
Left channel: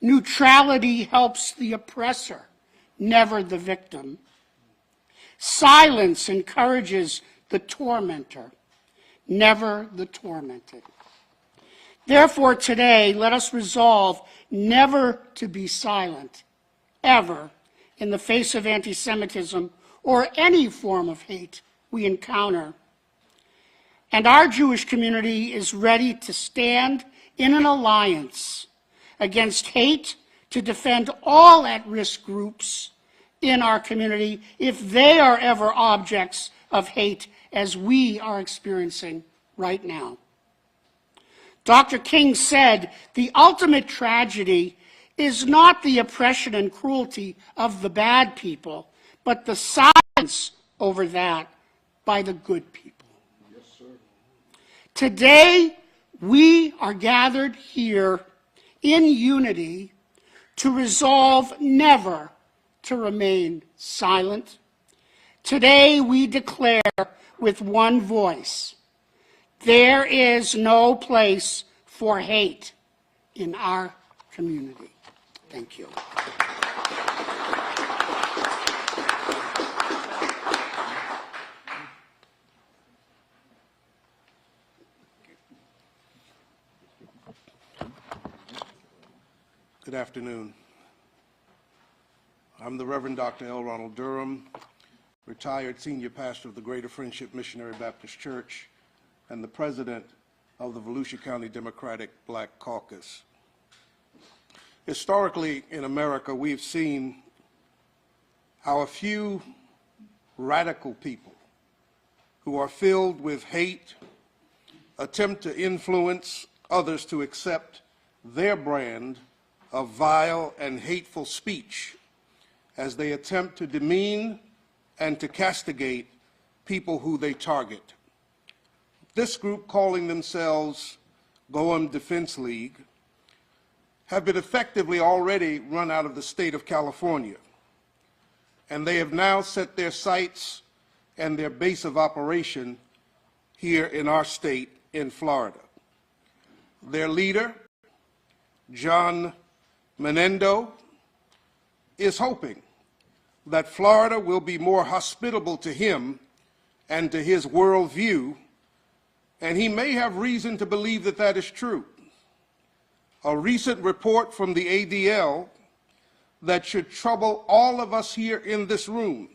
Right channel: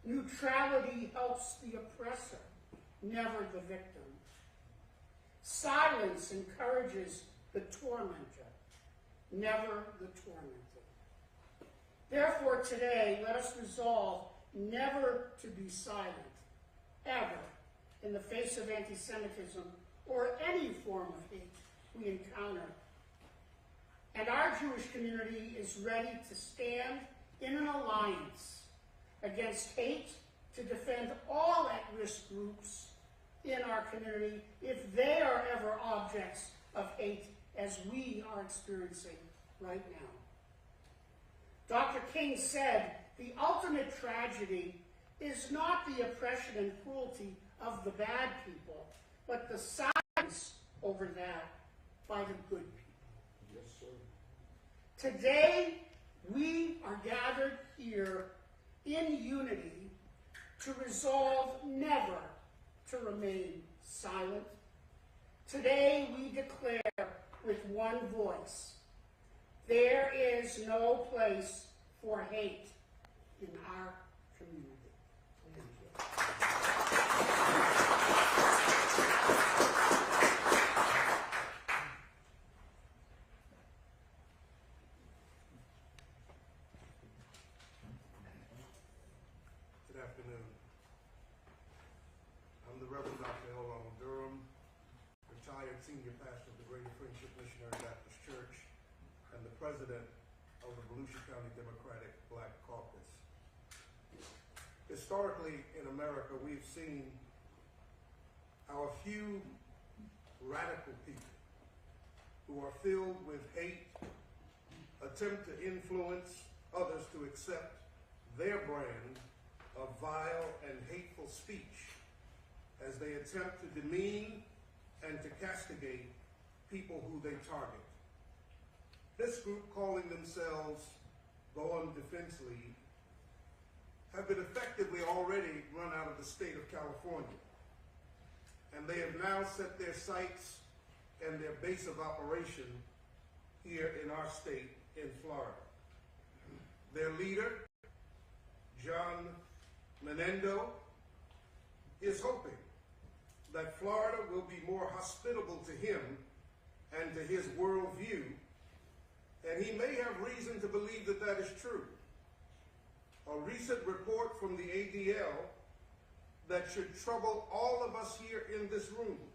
Neutrality helps the oppressor, never the victim. Silence encourages the tormentor, never the tormented. Therefore, today, let us resolve never to be silent, ever, in the face of anti-Semitism or any form of hate we encounter. And our Jewish community is ready to stand in an alliance against hate to defend all at-risk groups in our community if they are ever objects of hate as we are experiencing right now. Dr. King said, "The ultimate tragedy is not the oppression and cruelty of the bad people, but the silence over that by the good people." Yes, sir. Today, we are gathered here in unity to resolve never to remain silent. Today, we declare with one voice, there is no place for hate in our community. Thank you. Good afternoon. I'm the Reverend Dr. L. Ronald Durham, retired senior pastor of the Greater Friendship Missionary Baptist Church and the president of the Volusia County Democratic Black Caucus. Historically in America, we've seen how a few radical people who are filled with hate attempt to influence others to accept their brand of vile and hateful speech as they attempt to demean and to castigate people who they target. This group, calling themselves Goem Defense League, have been effectively already run out of the state of California, and they have now set their sights and their base of operation here in our state in Florida. Their leader, John Menendo, is hoping that Florida will be more hospitable to him and to his worldview, and he may have reason to believe that that is true. A recent report from the ADL that should trouble all of us here in this room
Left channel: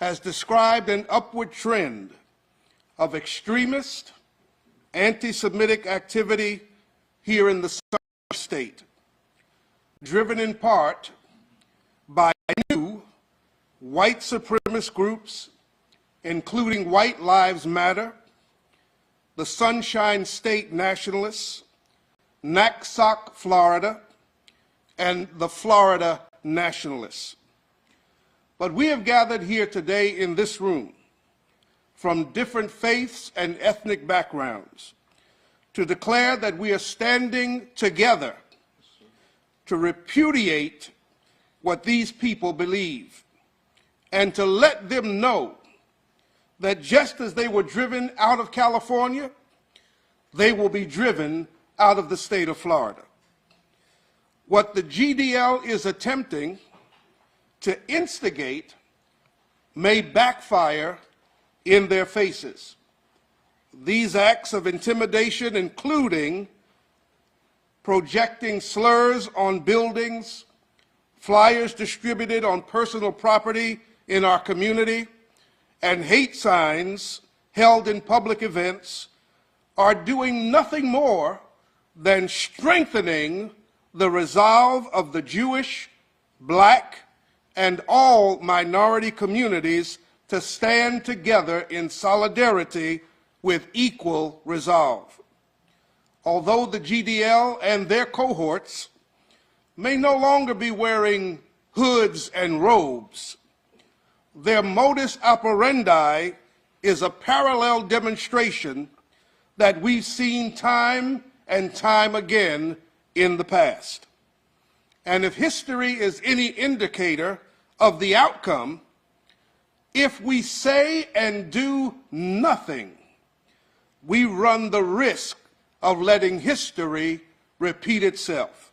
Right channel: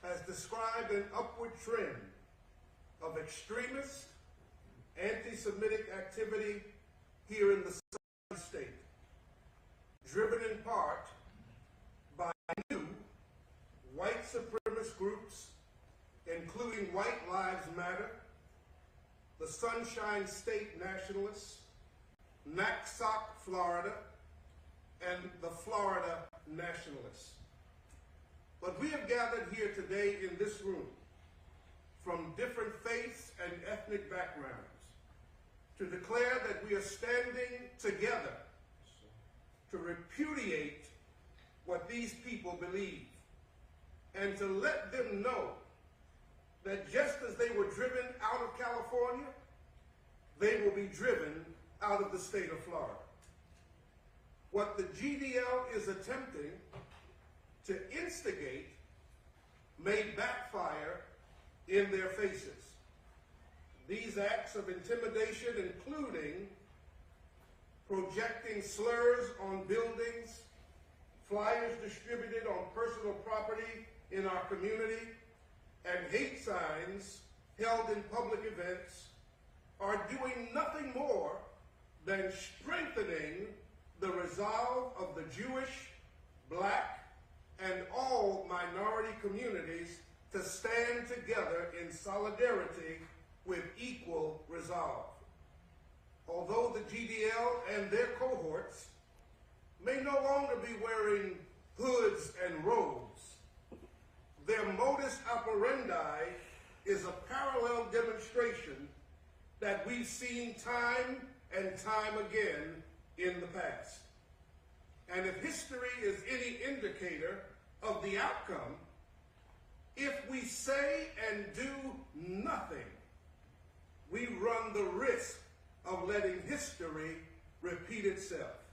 has described an upward trend of extremist, anti-Semitic activity here in the southern state, driven in part by new white supremacist groups, including White Lives Matter, the Sunshine State Nationalists, NACSOC Florida, and the Florida Nationalists. But we have gathered here today in this room from different faiths and ethnic backgrounds to declare that we are standing together to repudiate what these people believe and to let them know that just as they were driven out of California, they will be driven out of the state of Florida. What the GDL is attempting to instigate may backfire in their faces. These acts of intimidation, including projecting slurs on buildings, flyers distributed on personal property in our community, and hate signs held in public events, are doing nothing more than strengthening the resolve of the Jewish, Black, and all minority communities to stand together in solidarity with equal resolve. Although the GDL and their cohorts may no longer be wearing hoods and robes, their modus operandi is a parallel demonstration that we've seen time and time again in the past. And if history is any indicator of the outcome, if we say and do nothing, we run the risk of letting history repeat itself.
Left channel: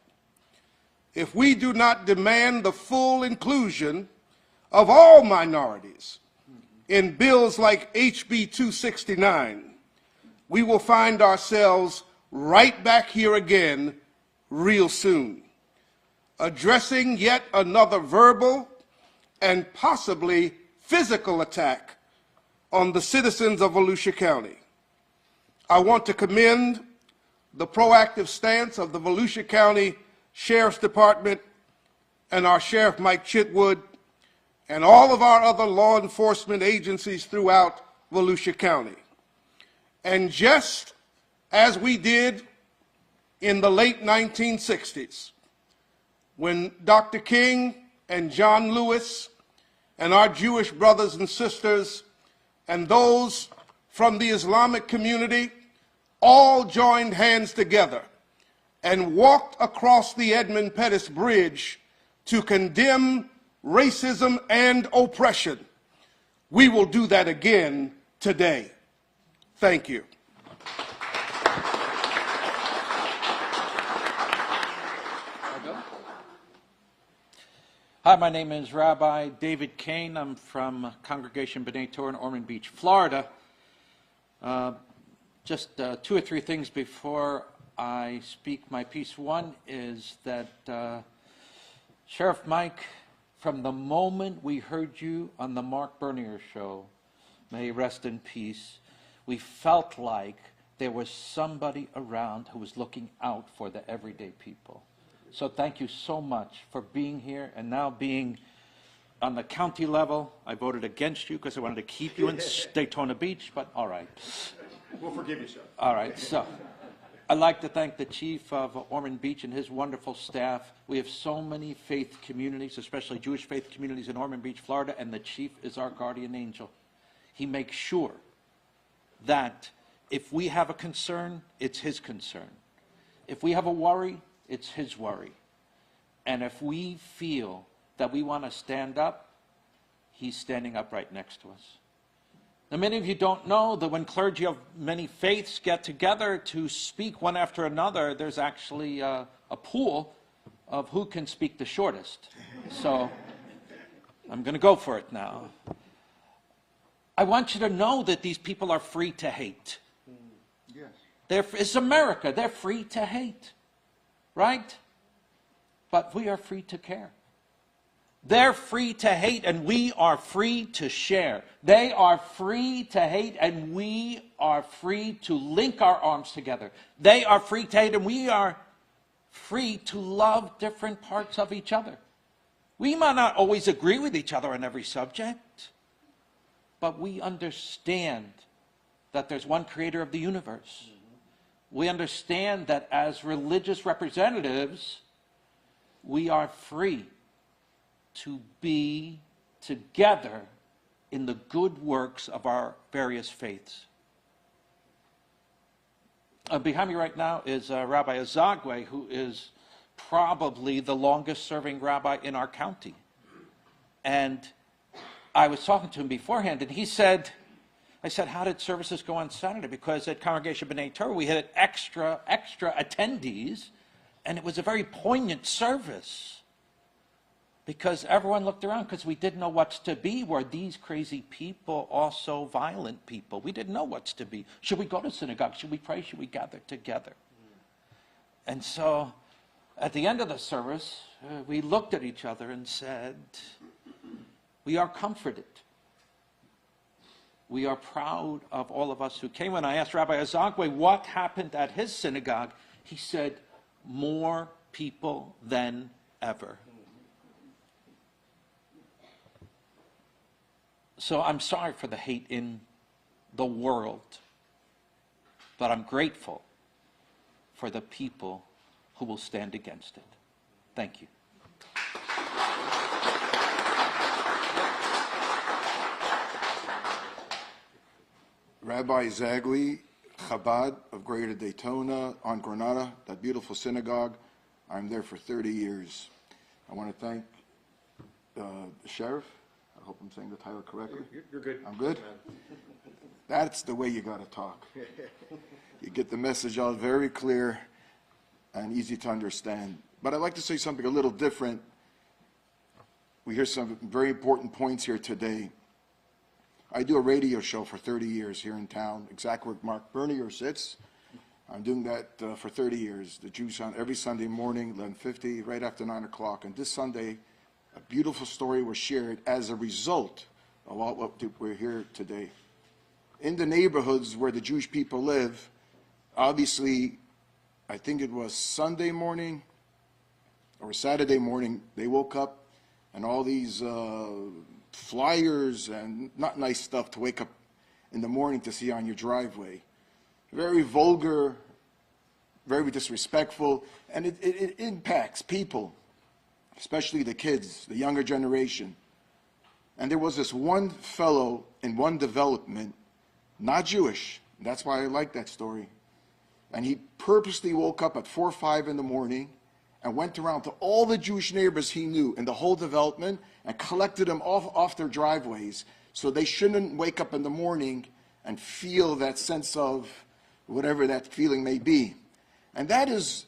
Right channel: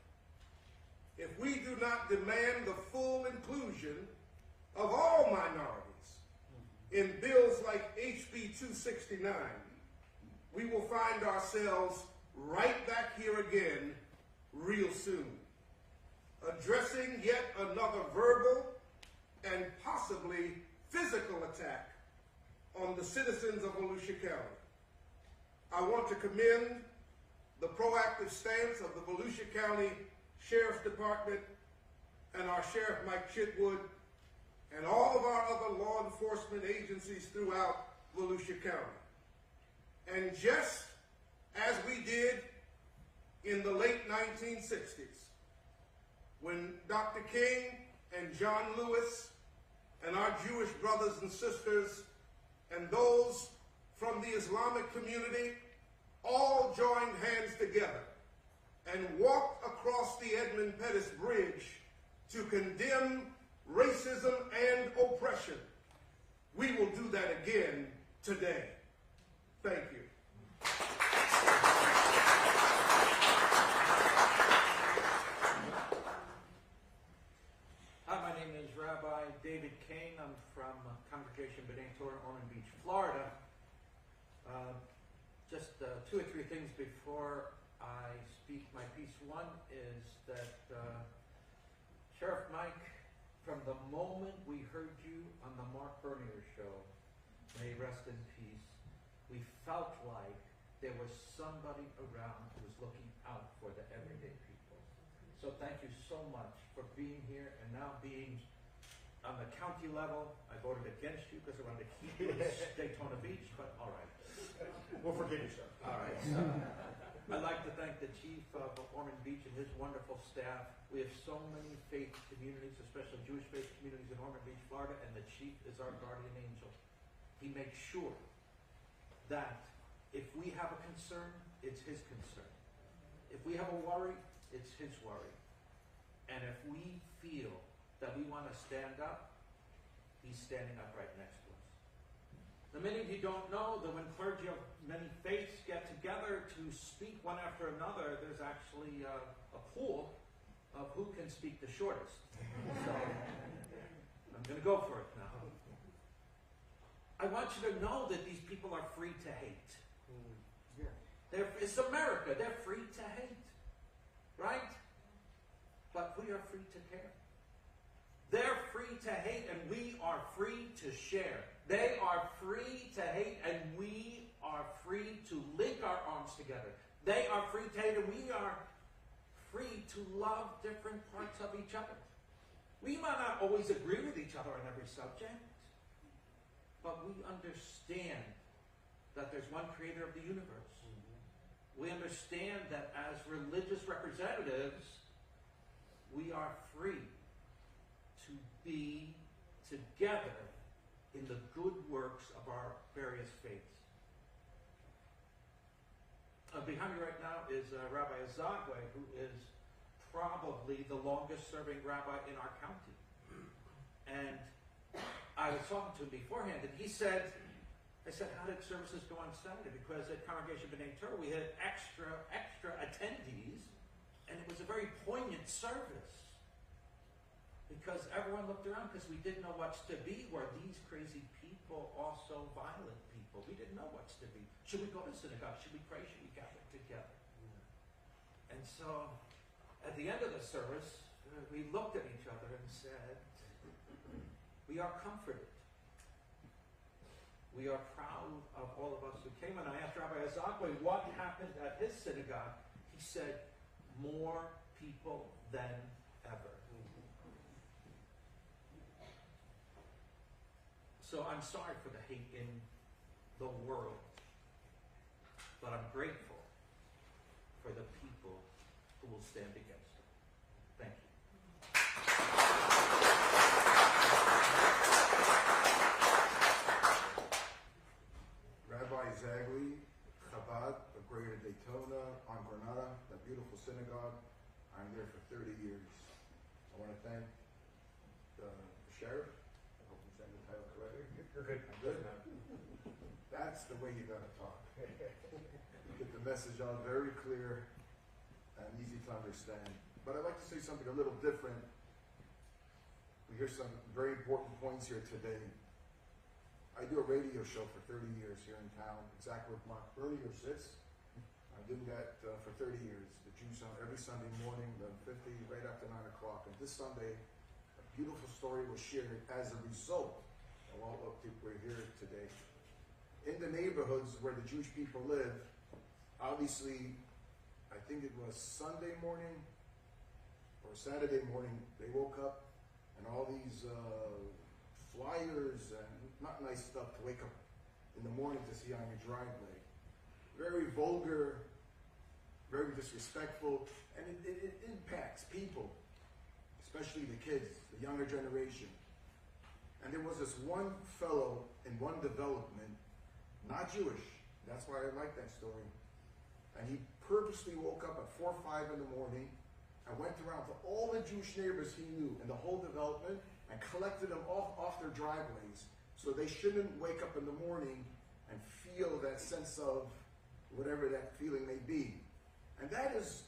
If we do not demand the full inclusion of all minorities in bills like HB 269, we will find ourselves right back here again real soon, addressing yet another verbal and possibly physical attack on the citizens of Volusia County. I want to commend the proactive stance of the Volusia County Sheriff's Department and our Sheriff Mike Chitwood and all of our other law enforcement agencies throughout Volusia County. And just as we did in the late 1960s, when Dr. King and John Lewis and our Jewish brothers and sisters and those from the Islamic community all joined hands together and walked across the Edmund Pettus Bridge to condemn racism and oppression, we will do that again today. Thank you. Hi, my name is Rabbi David Kane. I'm from Congregation B'nai Torah in Ormond Beach, Florida. Just 2 or 3 things before I speak my piece. One is that Sheriff Mike, from the moment we heard you on the Mark Bernier show, may he rest in peace, we felt like there was somebody around who was looking out for the everyday people. So thank you so much for being here and now being on the county level. I voted against you because I wanted to keep you in Daytona Beach, but all right. We'll forgive you, sir. All right, so I'd like to thank the chief of Ormond Beach and his wonderful staff. We have so many faith communities, especially Jewish faith communities in Ormond Beach, Florida, and the chief is our guardian angel. He makes sure that if we have a concern, it's his concern. If we have a worry, it's his worry. And if we feel that we want to stand up, he's standing up right next to us. Now, many of you don't know that when clergy of many faiths get together to speak one after another, there's actually a pool of who can speak the shortest. So I'm going to go for it now. I want you to know that these people are free to hate. Yes. It's America. They're free to hate. Right? But we are free to care. They're free to hate and we are free to share. They are free to hate and we are free to link our arms together. They are free to hate and we are free to love different parts of each other. We might not always agree with each other on every subject, but we understand that there's one creator of the universe. We understand that as religious representatives, we are free to be together in the good works of our various faiths. Behind me right now is Rabbi Azagwe, who is probably the longest serving rabbi in our county. And I was talking to him beforehand, and he said, I said, how did services go on Saturday? Because at Congregation B'nai Torah, we had extra attendees, and it was a very poignant service. Because everyone looked around because we didn't know what's to be. Were these crazy people also violent people? We didn't know what's to be. Should we go to synagogue? Should we pray? Should we gather together? And so at the end of the service, we looked at each other and said, we are comforted. We are proud of all of us who came. When I asked Rabbi Azagwe what happened at his synagogue, he said, more people than ever. So I'm sorry for the hate in the world, but I'm grateful for the people who will stand against it. Thank you. Rabbi Zagwe, Chabad of Greater Daytona on Granada, that beautiful synagogue. I'm there for 30 years. I want to thank the sheriff. I hope I'm saying the title correctly. You're good. I'm good? That's the way you got to talk. You get the message out very clear and easy to understand. But I'd like to say something a little different. We hear some very important points here today. I do a radio show for 30 years here in town, exactly where Mark Bernier sits. I'm doing that for 30 years. The Jews on every Sunday morning, 11:50, right after 9 o'clock. And this Sunday, a beautiful story was shared as a result about what we're here today. In the neighborhoods where the Jewish people live, obviously, I think it was Sunday morning or Saturday morning, they woke up and all these flyers and not nice stuff to wake up in the morning to see on your driveway. Very vulgar, very disrespectful, and it impacts people, especially the kids, the younger generation. And there was this one fellow in one development, not Jewish, that's why I like that story, and he purposely woke up at 4 or 5 in the morning and went around to all the Jewish neighbors he knew in the whole development and collected them off their driveways so they shouldn't wake up in the morning and feel that sense of whatever that feeling may be. And that is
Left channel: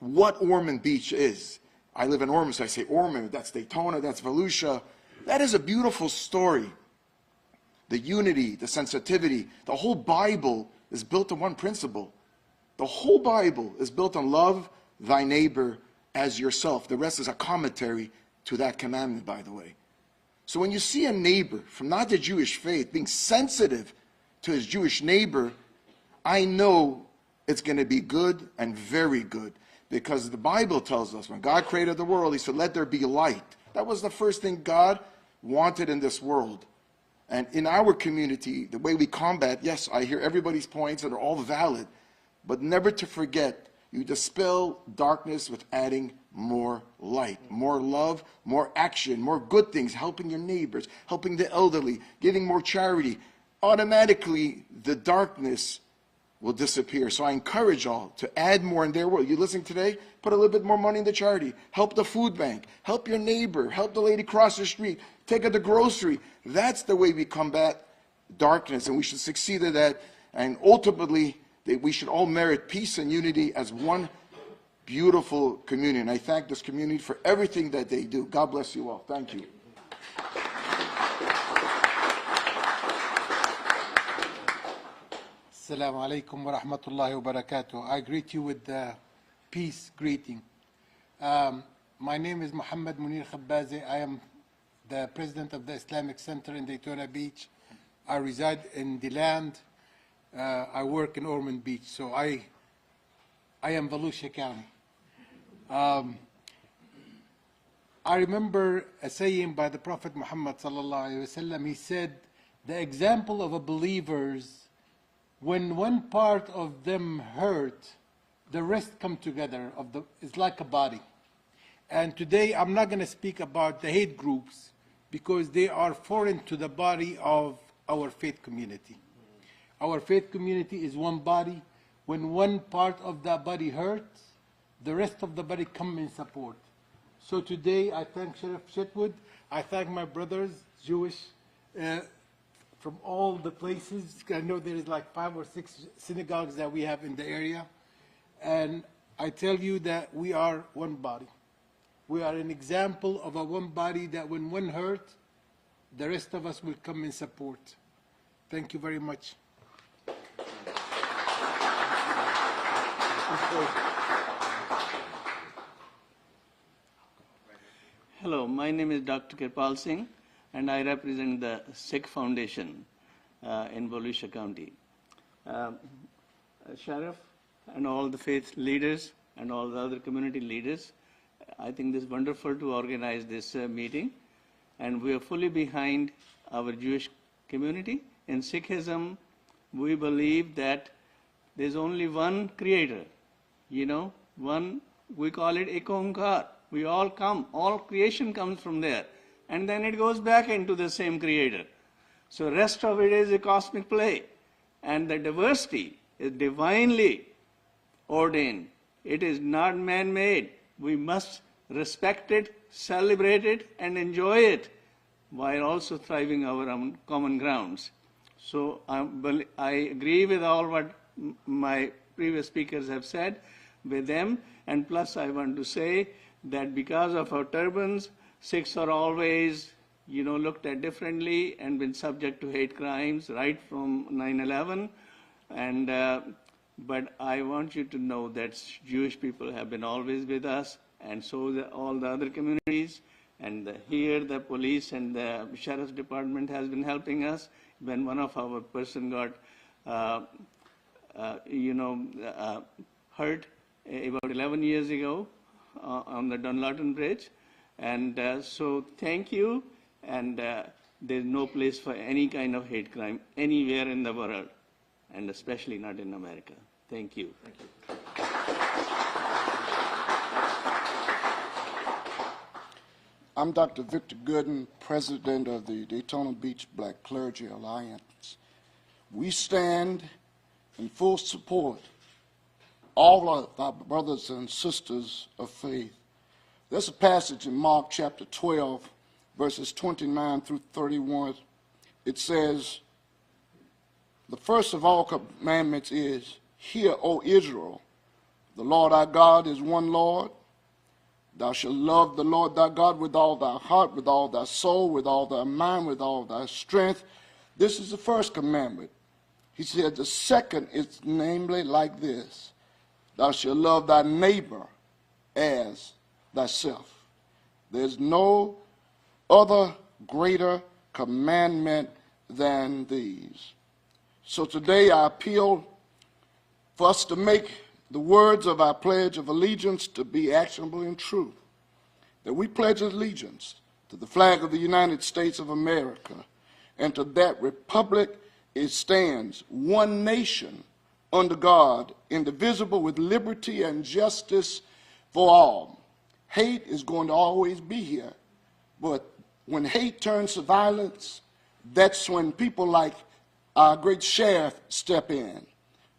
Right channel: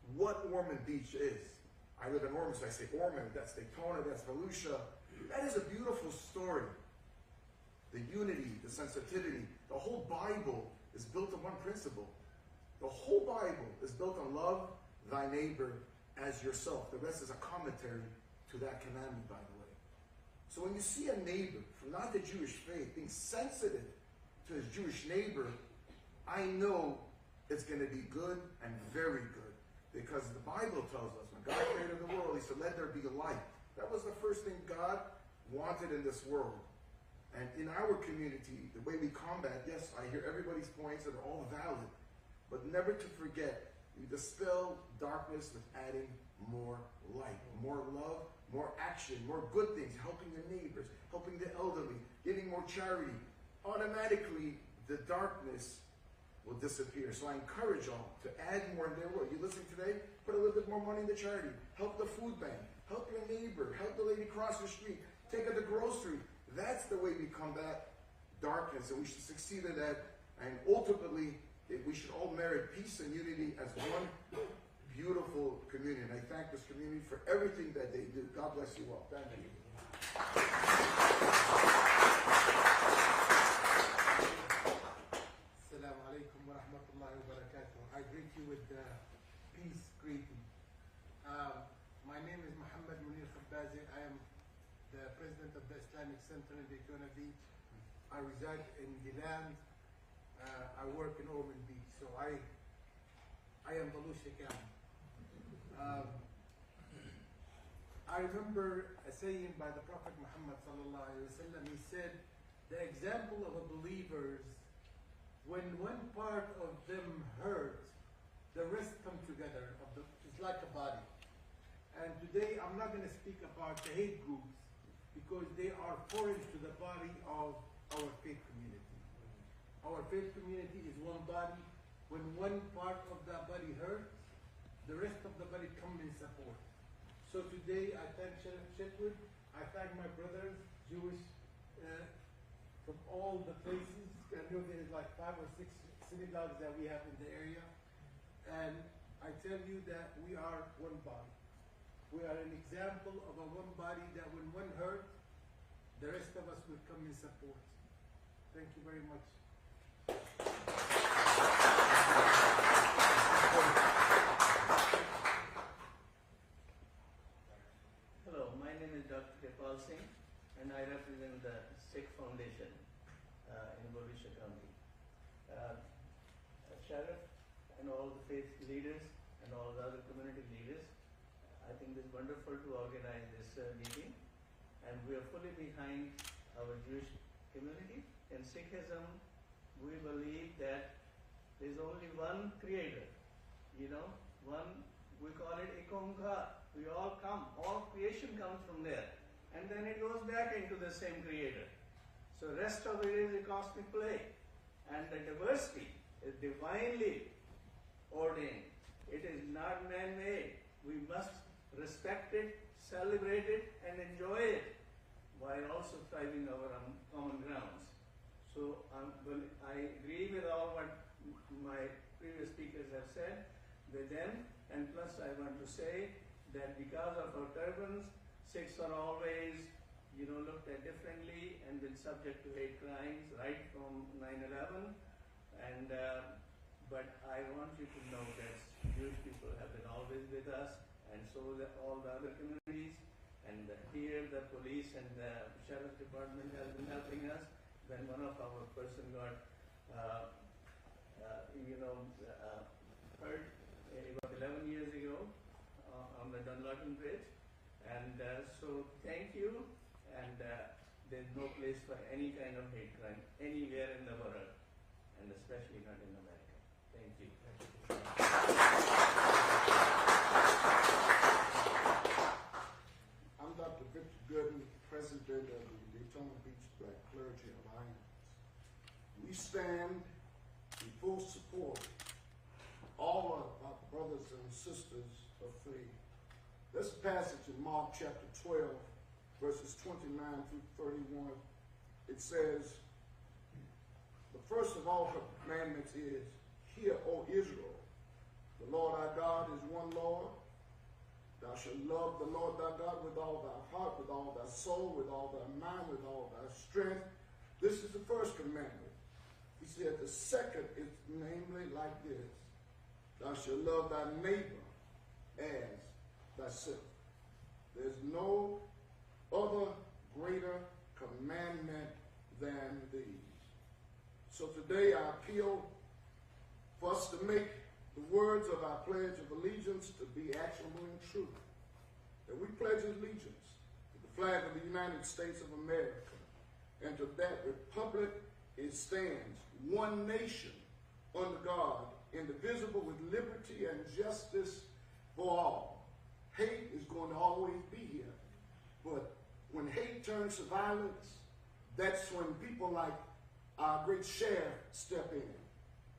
what Ormond Beach is. I live in Ormond, so I say Ormond, that's Daytona, that's Volusia. That is a beautiful story. The unity, the sensitivity, the whole Bible is built on one principle. The whole Bible is built on love thy neighbor as yourself. The rest is a commentary to that commandment, by the way. So when you see a neighbor from not the Jewish faith being sensitive to his Jewish neighbor, I know it's going to be good and very good, because the Bible tells us when God created the world, he said, let there be light. That was the first thing God wanted in this world. And in our community, the way we combat, yes, I hear everybody's points that are all valid, but never to forget, you dispel darkness with adding more light, more love, more action, more good things, helping your neighbors, helping the elderly, giving more charity. Automatically, the darkness will disappear. So I encourage all to add more in their world. You listening today? Put a little bit more money in the charity. Help the food bank. Help your neighbor. Help the lady across the street. Take her to grocery. That's the way we combat darkness, and we should succeed at that. And ultimately, we should all merit peace and unity as one beautiful community. And I thank this community for everything that they do. God bless you all. Thank you. Assalamu alaikum wa rahmatullahi wa barakatuh. I greet you with the peace greeting. My name is Muhammad Munir Khabbazi. I am the president of the Islamic Center in Daytona Beach. I reside in DeLand. I work in Ormond Beach, so I am Volusia County. I remember a saying by the Prophet Muhammad sallallahu alaihi wasallam. He said, the example of a believers, when one part of them hurt, the rest come together. It's like a body. And today I'm not going to speak about the hate groups because they are foreign to the body of our faith community. Our faith community is one body. When one part of the body hurts, the rest of the body come in support. So today I thank Sheriff Chetwood. I thank my brothers, Jewish, from all the places. I know there is like 5 or 6 synagogues that we have in the area. And I tell you that we are one body. We are an example of a one body that when one hurts, the rest of us will come in support. Thank you very much. Hello, my name is Dr. Kirpal Singh, and I represent the Sikh Foundation in Volusia County. Sheriff and all the faith leaders and all the other community leaders, I think it's wonderful to organize this meeting, and we are fully behind our Jewish community. In Sikhism, we believe that there's only one creator, one, we call it Ekonkar. We all come, all creation comes from there, and then it goes back into the same creator. So rest of it is a cosmic play, and the diversity is divinely ordained. It is not man-made. We must respect it, celebrate it, and enjoy it while also thriving our own common grounds. So I agree with all what my previous speakers have said with them, and plus I want to say that because of our turbans, Sikhs are always, looked at differently and been subject to hate crimes right from 9/11. But I want you to know that Jewish people have been always with us, and so all the other communities, And here the police and the sheriff's department has been helping us. When one of our person got, hurt about 11 years ago on the Dunlawton Bridge. And so thank you. And there's no place for any kind of hate crime anywhere in the world, and especially not in America. Thank you. I'm Dr. Victor Gooden, president of the Daytona Beach Black Clergy Alliance. We stand in full support all of our brothers and sisters of faith. There's a passage in Mark chapter 12, verses 29 through 31. It says, the first of all commandments is, hear, O Israel, the Lord our God is one Lord. Thou shalt love the Lord thy God with all thy heart, with all thy soul, with all thy mind, with all thy strength. This is the first commandment. He said the second is namely like this. Thou shalt love thy neighbor as thyself. There's no other greater commandment than these. So today I appeal for us to make the words of our Pledge of Allegiance to be actionable and true. That we pledge allegiance to the flag of the United States of America and to that republic it stands, one nation under God, indivisible with liberty and justice for all. Hate is going to always be here, but when hate turns to violence, that's when people like our great sheriff step in.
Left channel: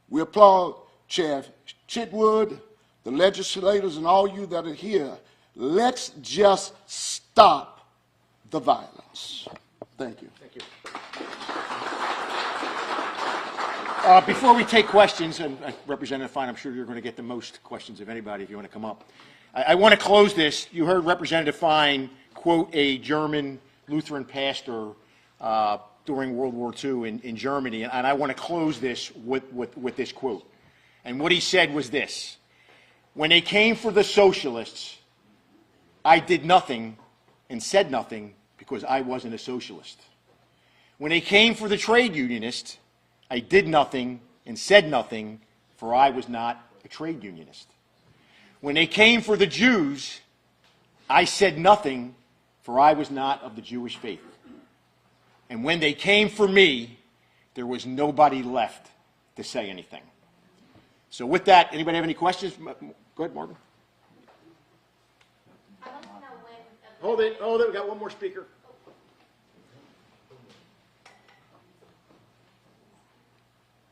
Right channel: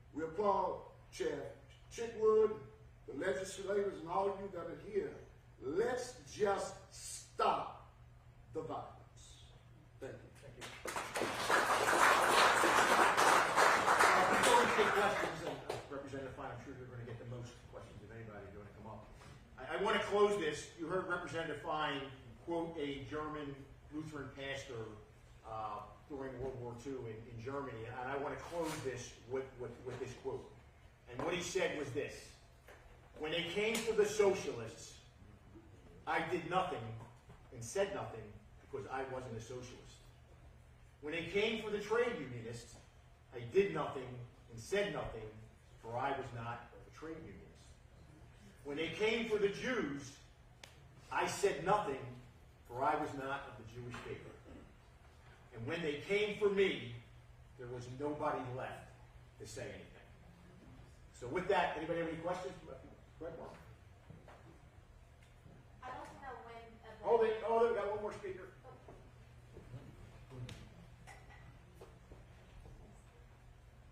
We applaud Sheriff Chitwood, the legislators, and all you that are here. Let's just stop the violence. Thank you. Thank you. Before we take questions, and Representative Fine, I'm sure you're going to get the most questions of anybody if you want to come up. I want to close this. You heard Representative Fine quote a German Lutheran pastor during World War II in Germany, and I want to close this with this quote. And what he said was this: when they came for the socialists, I did nothing and said nothing because I wasn't a socialist. When they came for the trade unionists, I did nothing and said nothing, for I was not a trade unionist. When they came for the Jews, I said nothing, for I was not of the Jewish faith. And when they came for me, there was nobody left to say anything. So with that, anybody have any questions? Go ahead, Morgan. Hold it, we got one more speaker.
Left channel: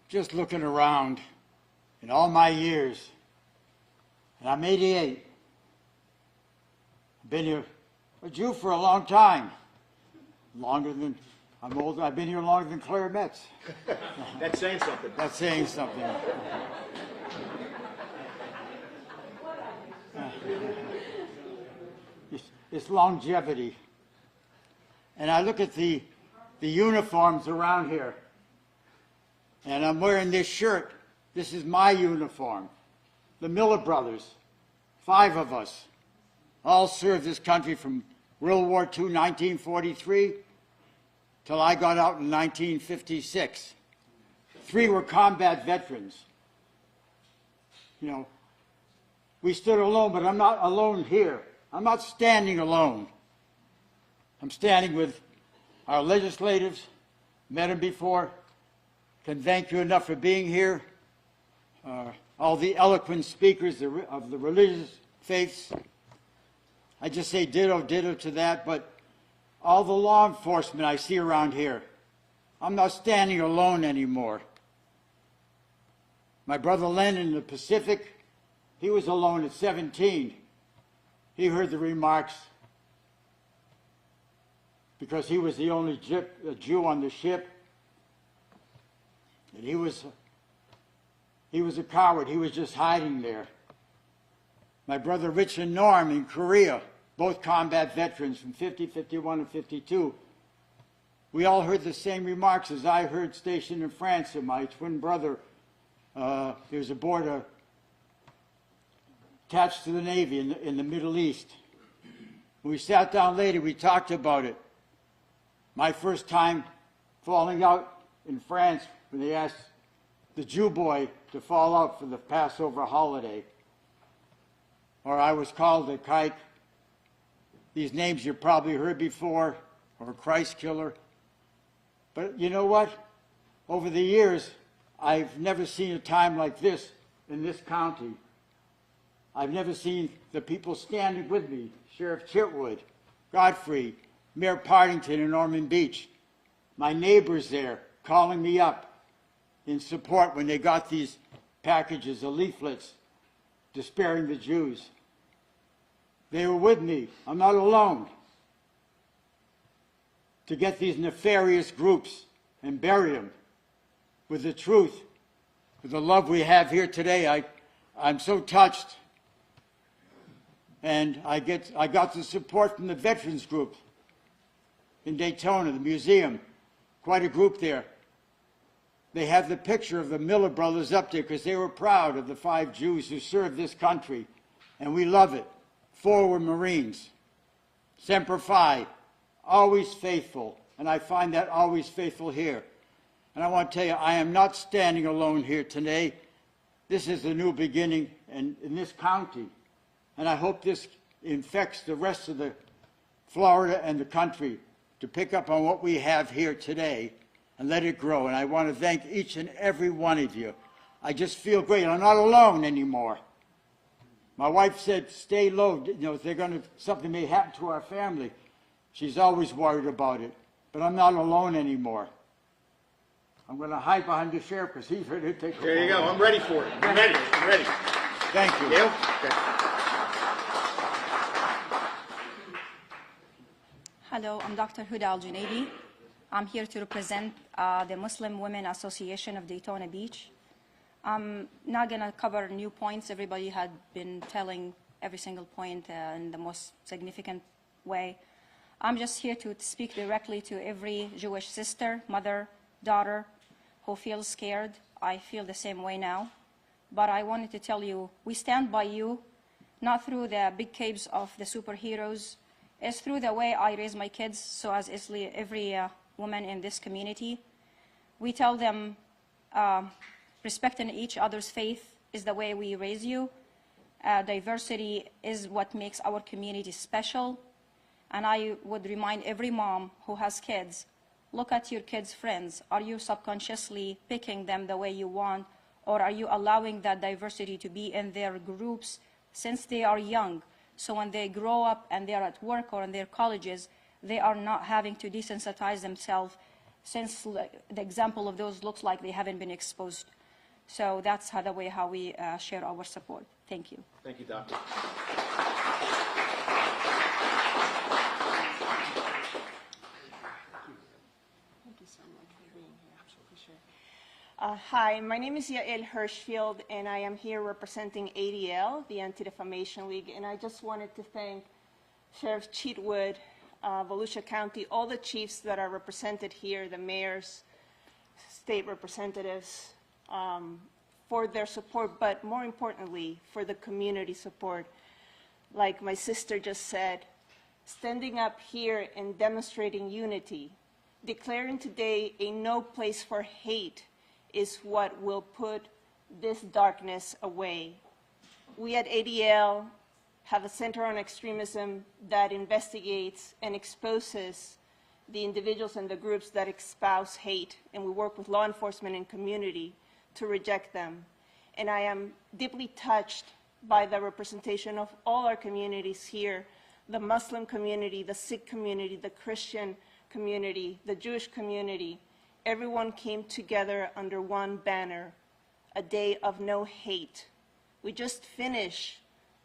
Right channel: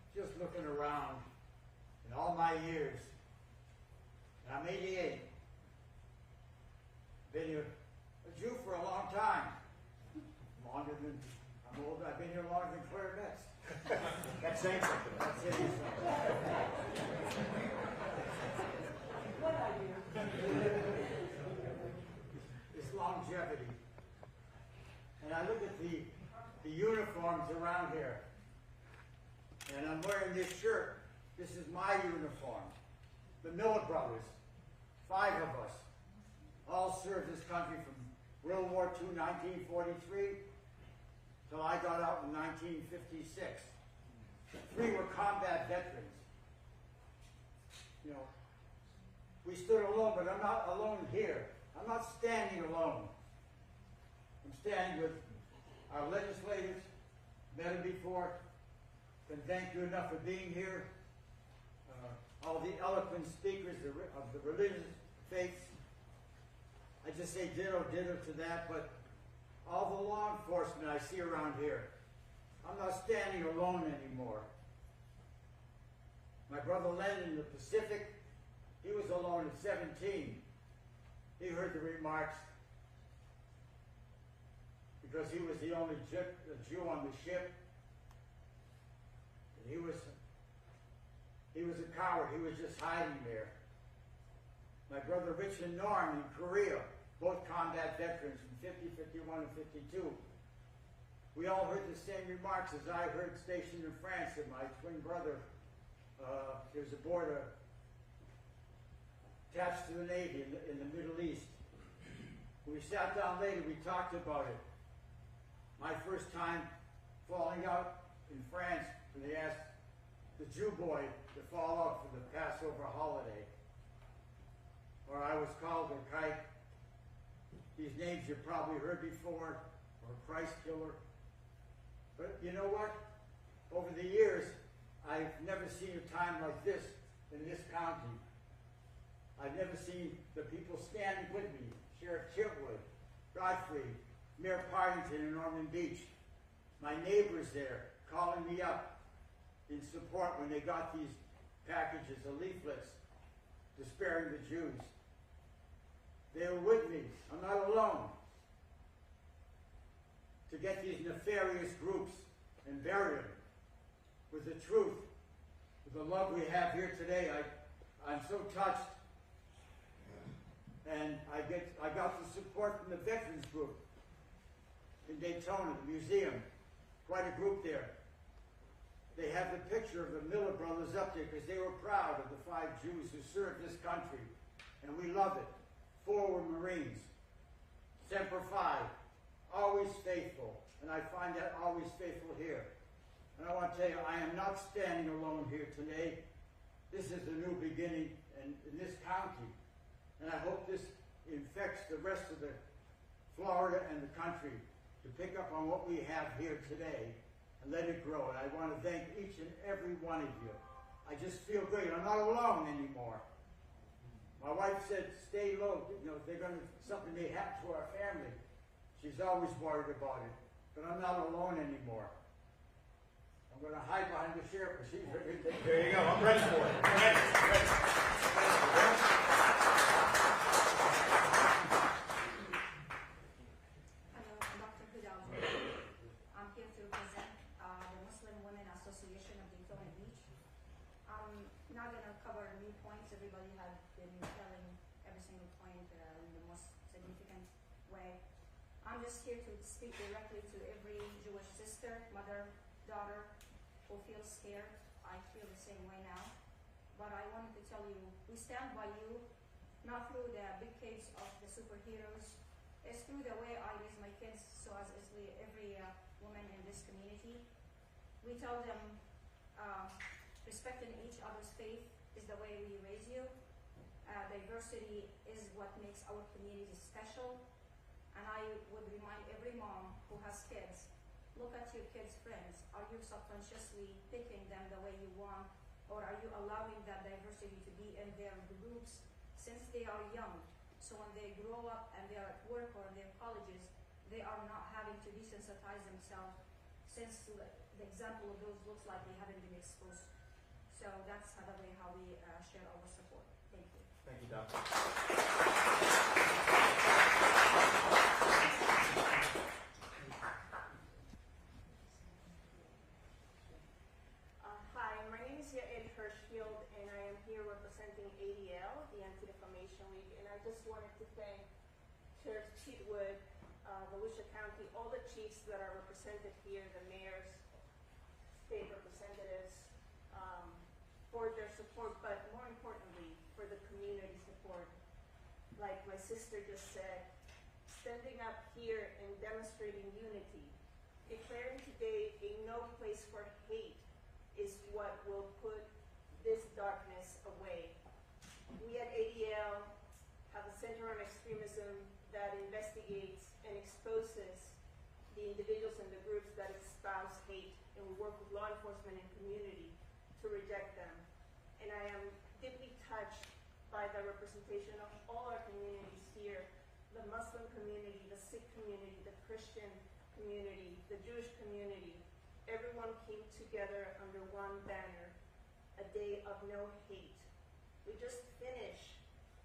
Just looking around in all my years, and I'm 88. I've been here a Jew for a long time. I'm older, I've been here longer than Claire Metz. That's saying something. That's saying something. It's longevity. And I look at the uniforms around here, and I'm wearing this shirt. This is my uniform. The Miller brothers, 5 of us, all served this country from World War II, 1943, till I got out in 1956. 3 were combat veterans. You know, we stood alone, but I'm not alone here. I'm not standing alone. I'm standing with our legislators, met them before, can thank you enough for being here. All the eloquent speakers of the religious faiths. I just say ditto to that, but all the law enforcement I see around here, I'm not standing alone anymore. My brother Len in the Pacific, he was alone at 17. He heard the remarks because he was the only Jew on the ship. And he was a coward. He was just hiding there. My brother Rich and Norm in Korea, both combat veterans from 50, 51, and 52. We all heard the same remarks as I heard stationed in France, and my twin brother, he was aboard attached to the Navy in the Middle East. We sat down later, we talked about it. My first time falling out in France when they asked the Jew boy to fall out for the Passover holiday. Or I was called a kike. These names you probably heard before, or Christ killer. But you know what? Over the years, I've never seen a time like this in this county. I've never seen the people standing with me, Sheriff Chitwood, Godfrey, Mayor Partington in Ormond Beach, my neighbors there calling me up in support when they got these packages of leaflets despairing the Jews. They were with me. I'm not alone. To get these nefarious groups and bury them with the truth, with the love we have here today, I'm so touched. And I got the support from the veterans group in Daytona, the museum, quite a group there. They have the picture of the Miller brothers up there because they were proud of the 5 Jews who served this country, and we love it. 4 were Marines. Semper Fi, always faithful, and I find that always faithful here. And I want to tell you, I am not standing alone here today. This is a new beginning in this county, and I hope this infects the rest of the Florida and the country to pick up on what we have here today and let it grow. And I want to thank each and every one of you. I just feel great. I'm not alone anymore. My wife said, stay low. You know, if something may happen to our family. She's always worried about it. But I'm not alone anymore. I'm going to hide behind the sheriff because he's ready to take There you go. I'm ready for it. I'm ready. I'm ready. Thank you. Yep. Hello, I'm Dr. Huda Al-Junaibi. I'm here to represent the Muslim Women Association of Daytona Beach. I'm not going to cover new points. Everybody had been telling every single point in the most significant way. I'm just here to speak directly to every Jewish sister, mother, daughter who feels scared. I feel the same way now. But I wanted to tell you, we stand by you, not through the big capes of the superheroes. It's through the way I raise my kids, so as every woman in this community. We tell them respecting each other's faith is the way we raise you. Diversity is what makes our community special. And I would remind every mom who has kids, look at your kids' friends. Are you subconsciously picking them the way you want, or are you allowing that diversity to be in their groups since they are young? So when they grow up and they're at work or in their colleges, they are not having to desensitize themselves, since the example of those looks like they haven't been exposed. So that's the way how we share our support. Thank you. Thank you, Doctor. Hi, my name is Yael Hirschfield, and I am here representing ADL, the Anti-Defamation League, and I just wanted to thank Sheriff Chitwood, Volusia County, all the chiefs that are represented here, the mayors, state representatives, for their support, but more importantly, for the community support. Like my sister just said, standing up here and demonstrating unity, declaring today a no place for hate is what will put this darkness away. We at ADL have a Center on Extremism that investigates and exposes the individuals and the groups that espouse hate, and we work with law enforcement and community to reject them. And I am deeply touched by the representation of all our communities here, the Muslim community, the Sikh community, the Christian community, the Jewish community. Everyone came together under one banner, a day of no hate. We just finished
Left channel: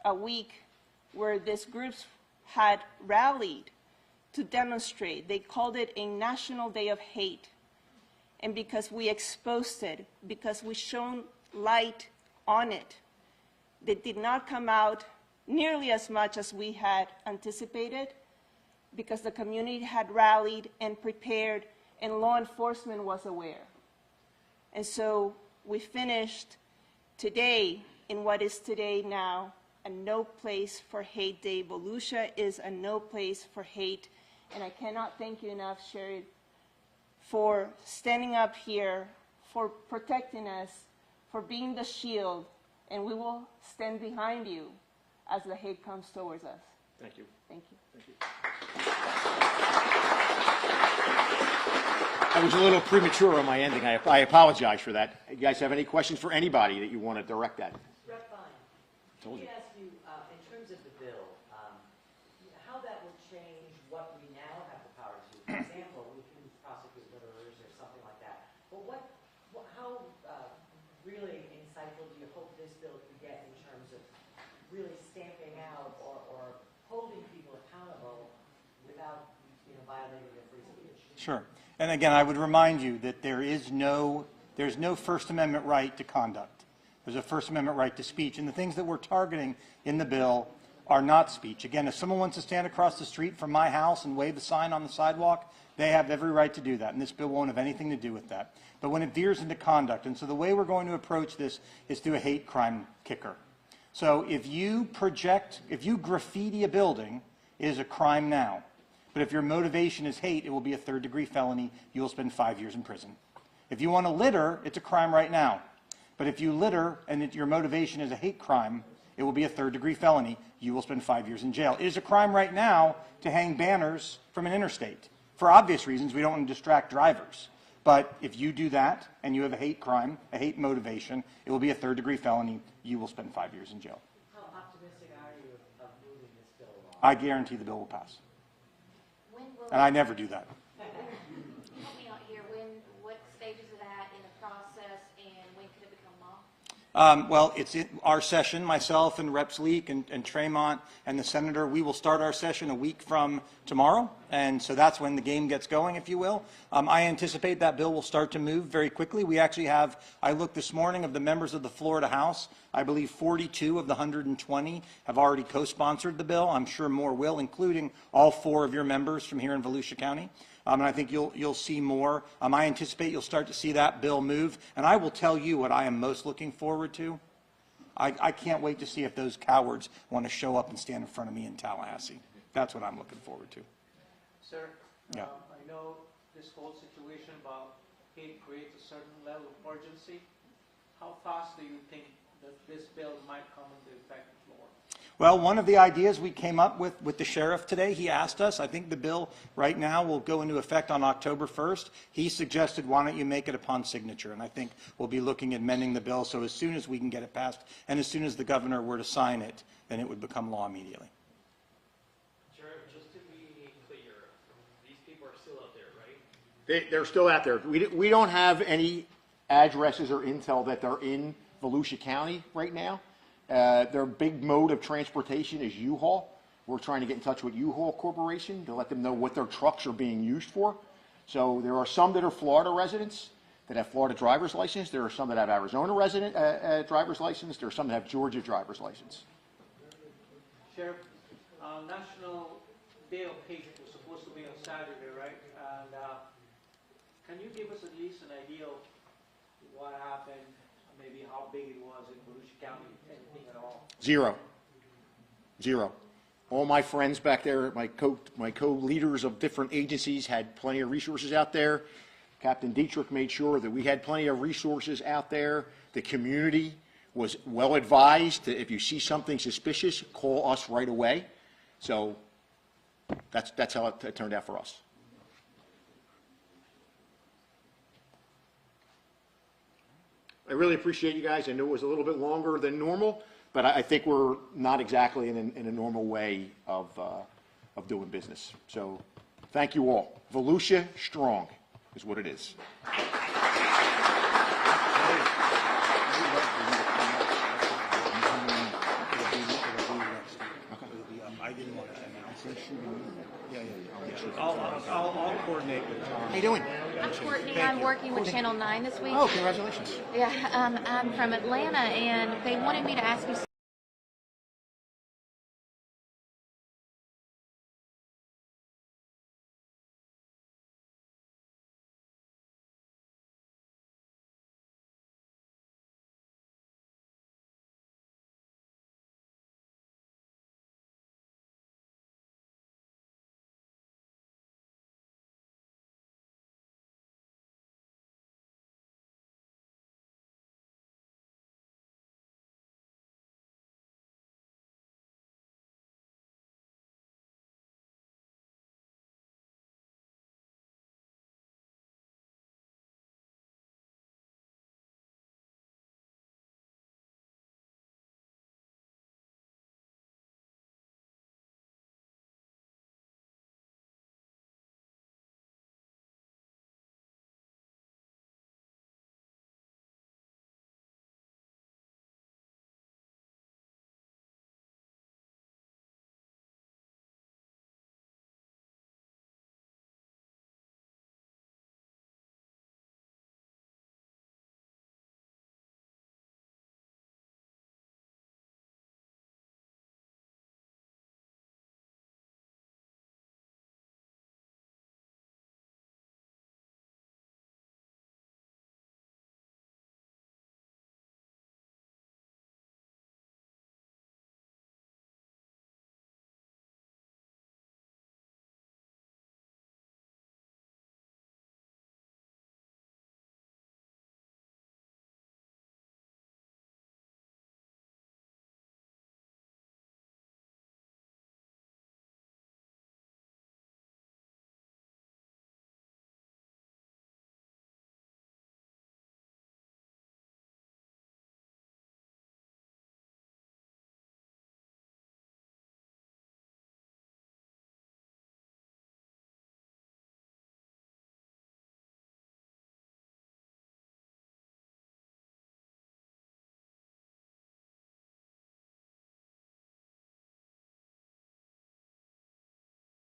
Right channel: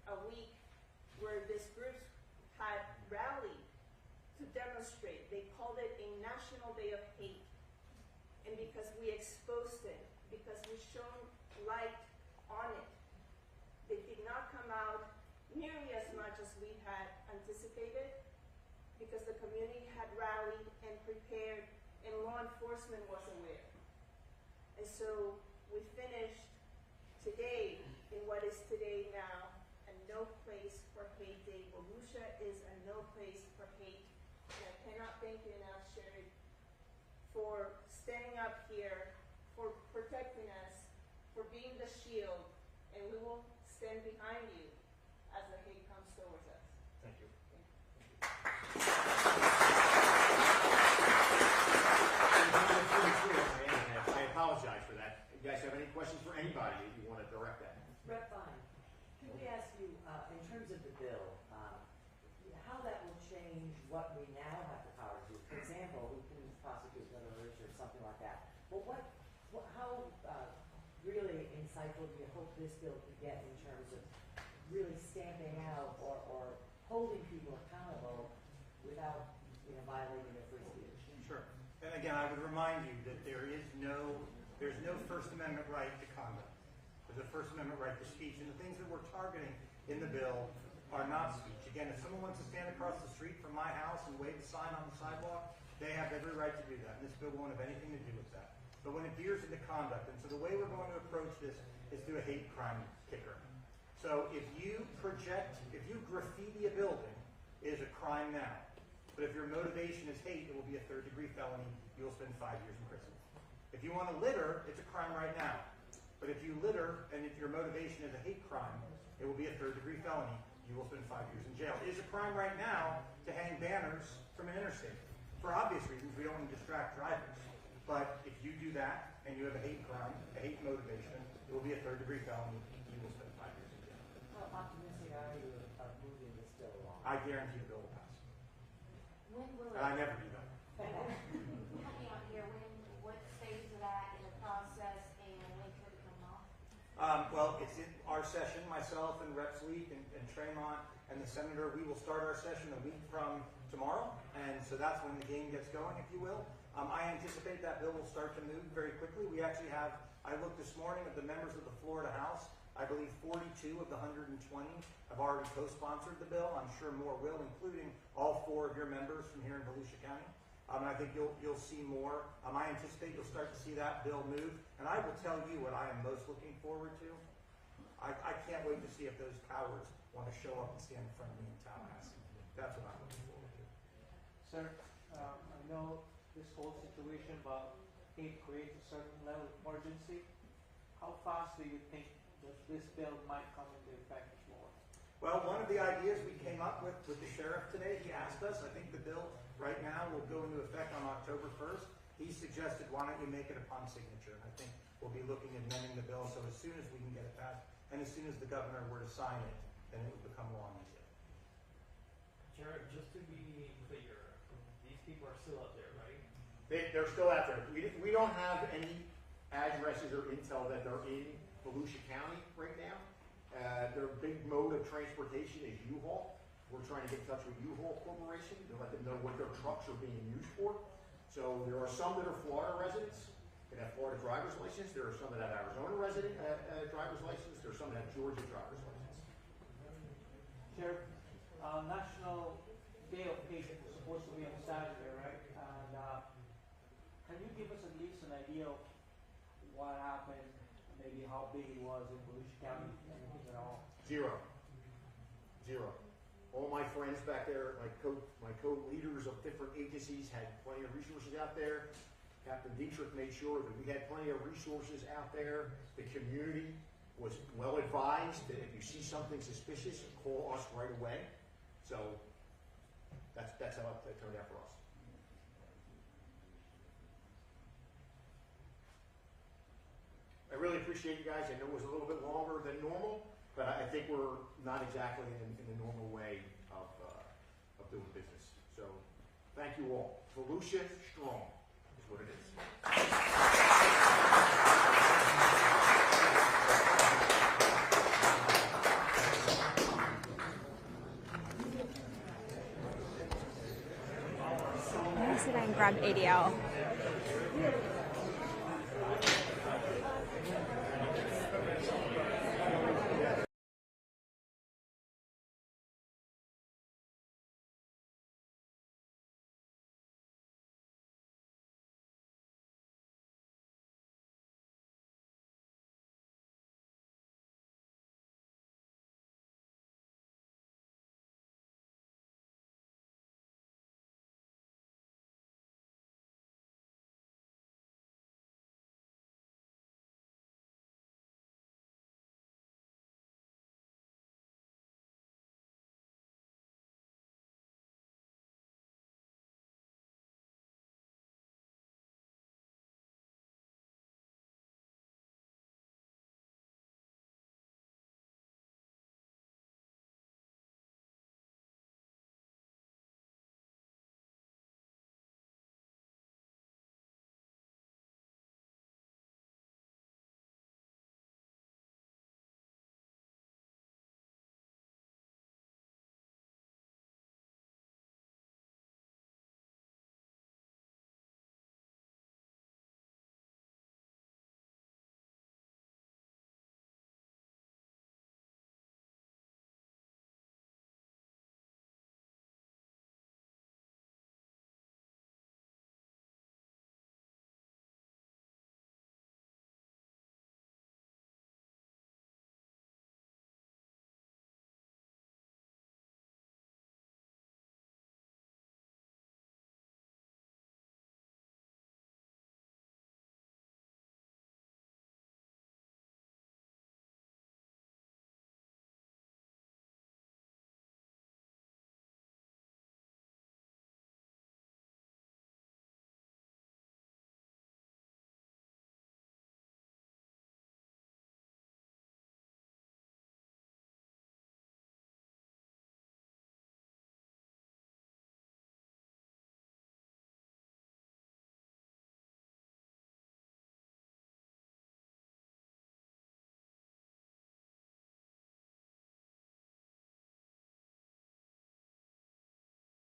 a week where these groups had rallied to demonstrate. They called it a National Day of Hate. And because we exposed it, because we shone light on it, they did not come out nearly as much as we had anticipated, because the community had rallied and prepared, and law enforcement was aware. And so we finished today, in what is today now, a no place for hate day. Volusia is a no place for hate. And I cannot thank you enough, Sherry, for standing up here, for protecting us, for being the shield, and we will stand behind you as the hate comes towards us. Thank you. Thank you. I was a little premature on my ending. I apologize for that. You guys have any questions for anybody that you want to direct at? Rep. Fine, let me ask you, in terms of the bill, how that will change what we now have the power to do. For example, we can prosecute governors or something like that. But how really insightful do you hope this bill could get in terms of really stamping out or holding people accountable without violating their free speech? Sure. And again, I would remind you that there's no First Amendment right to conduct. There's a First Amendment right to speech. And the things that we're targeting in the bill are not speech. Again, if someone wants to stand across the street from my house and wave a sign on the sidewalk, they have every right to do that. And this bill won't have anything to do with that. But when it veers into conduct, and so the way we're going to approach this is through a hate crime kicker. So if you graffiti a building, it is a crime now. But if your motivation is hate, it will be a third-degree felony. You will spend 5 years in prison. If you want to litter, it's a crime right now. But if you litter and your motivation is a hate crime, it will be a third-degree felony. You will spend 5 years in jail. It is a crime right now to hang banners from an interstate. For obvious reasons, we don't want to distract drivers. But if you do that and you have a hate crime, a hate motivation, it will be a third-degree felony. You will spend 5 years in jail. How optimistic are you of moving this bill along? I guarantee the bill will pass. And I never do that. Help me out here. What stage is it at in the process, and when could it become law? Well, it's in our session, myself and Reps Leak and Tremont and the Senator. We will start our session a week from tomorrow, and so that's when the game gets going, if you will. I anticipate that bill will start to move very quickly. We actually have, I looked this morning, of the members of the Florida House, I believe 42 of the 120 have already co-sponsored the bill. I'm sure more will, including all 4 of your members from here in Volusia County. And I think you'll see more. I anticipate you'll start to see that bill move. And I will tell you what I am most looking forward to. I can't wait to see if those cowards want to show up and stand in front of me in Tallahassee. That's what I'm looking forward to. Sir, Yeah. I know this whole situation about hate creates a certain level of urgency. How fast do you think that this bill might come into effect more? Well, one of the ideas we came up with the sheriff today, he asked us, I think the bill right now will go into effect on October 1st. He suggested, why don't you make it upon signature? And I think we'll be looking at amending the bill so as soon as we can get it passed and as soon as the governor were to sign it, then it would become law immediately. Sheriff, just to be clear, these people are still out there, right? They're still out there. We don't have any addresses or intel that they're in Volusia County right now. Their big mode of transportation is U-Haul. We're trying to get in touch with U-Haul Corporation to let them know what their trucks are being used for. So there are some that are Florida residents that have Florida driver's license. There are some that have Arizona resident driver's license. There are some that have Georgia driver's license. Sheriff, National Day of Hate was supposed to be on Saturday, right? And can you give us at least an idea of what happened, maybe how big it was in Volusia County, anything at all? Zero. All my friends back there, my co-leaders of different agencies had plenty of resources out there. Captain Dietrich made sure that we had plenty of resources out there. The community was well advised that if you see something suspicious, call us right away. So that's how it turned out for us. I really appreciate you guys. I know it was a little bit longer than normal, but I think we're not exactly in a normal way of doing business. So thank you all. Volusia strong is what it is. How you doing? I'm Courtney. I'm working with Channel 9 this week. Oh, congratulations. Yeah, I'm from Atlanta, and they wanted me to ask you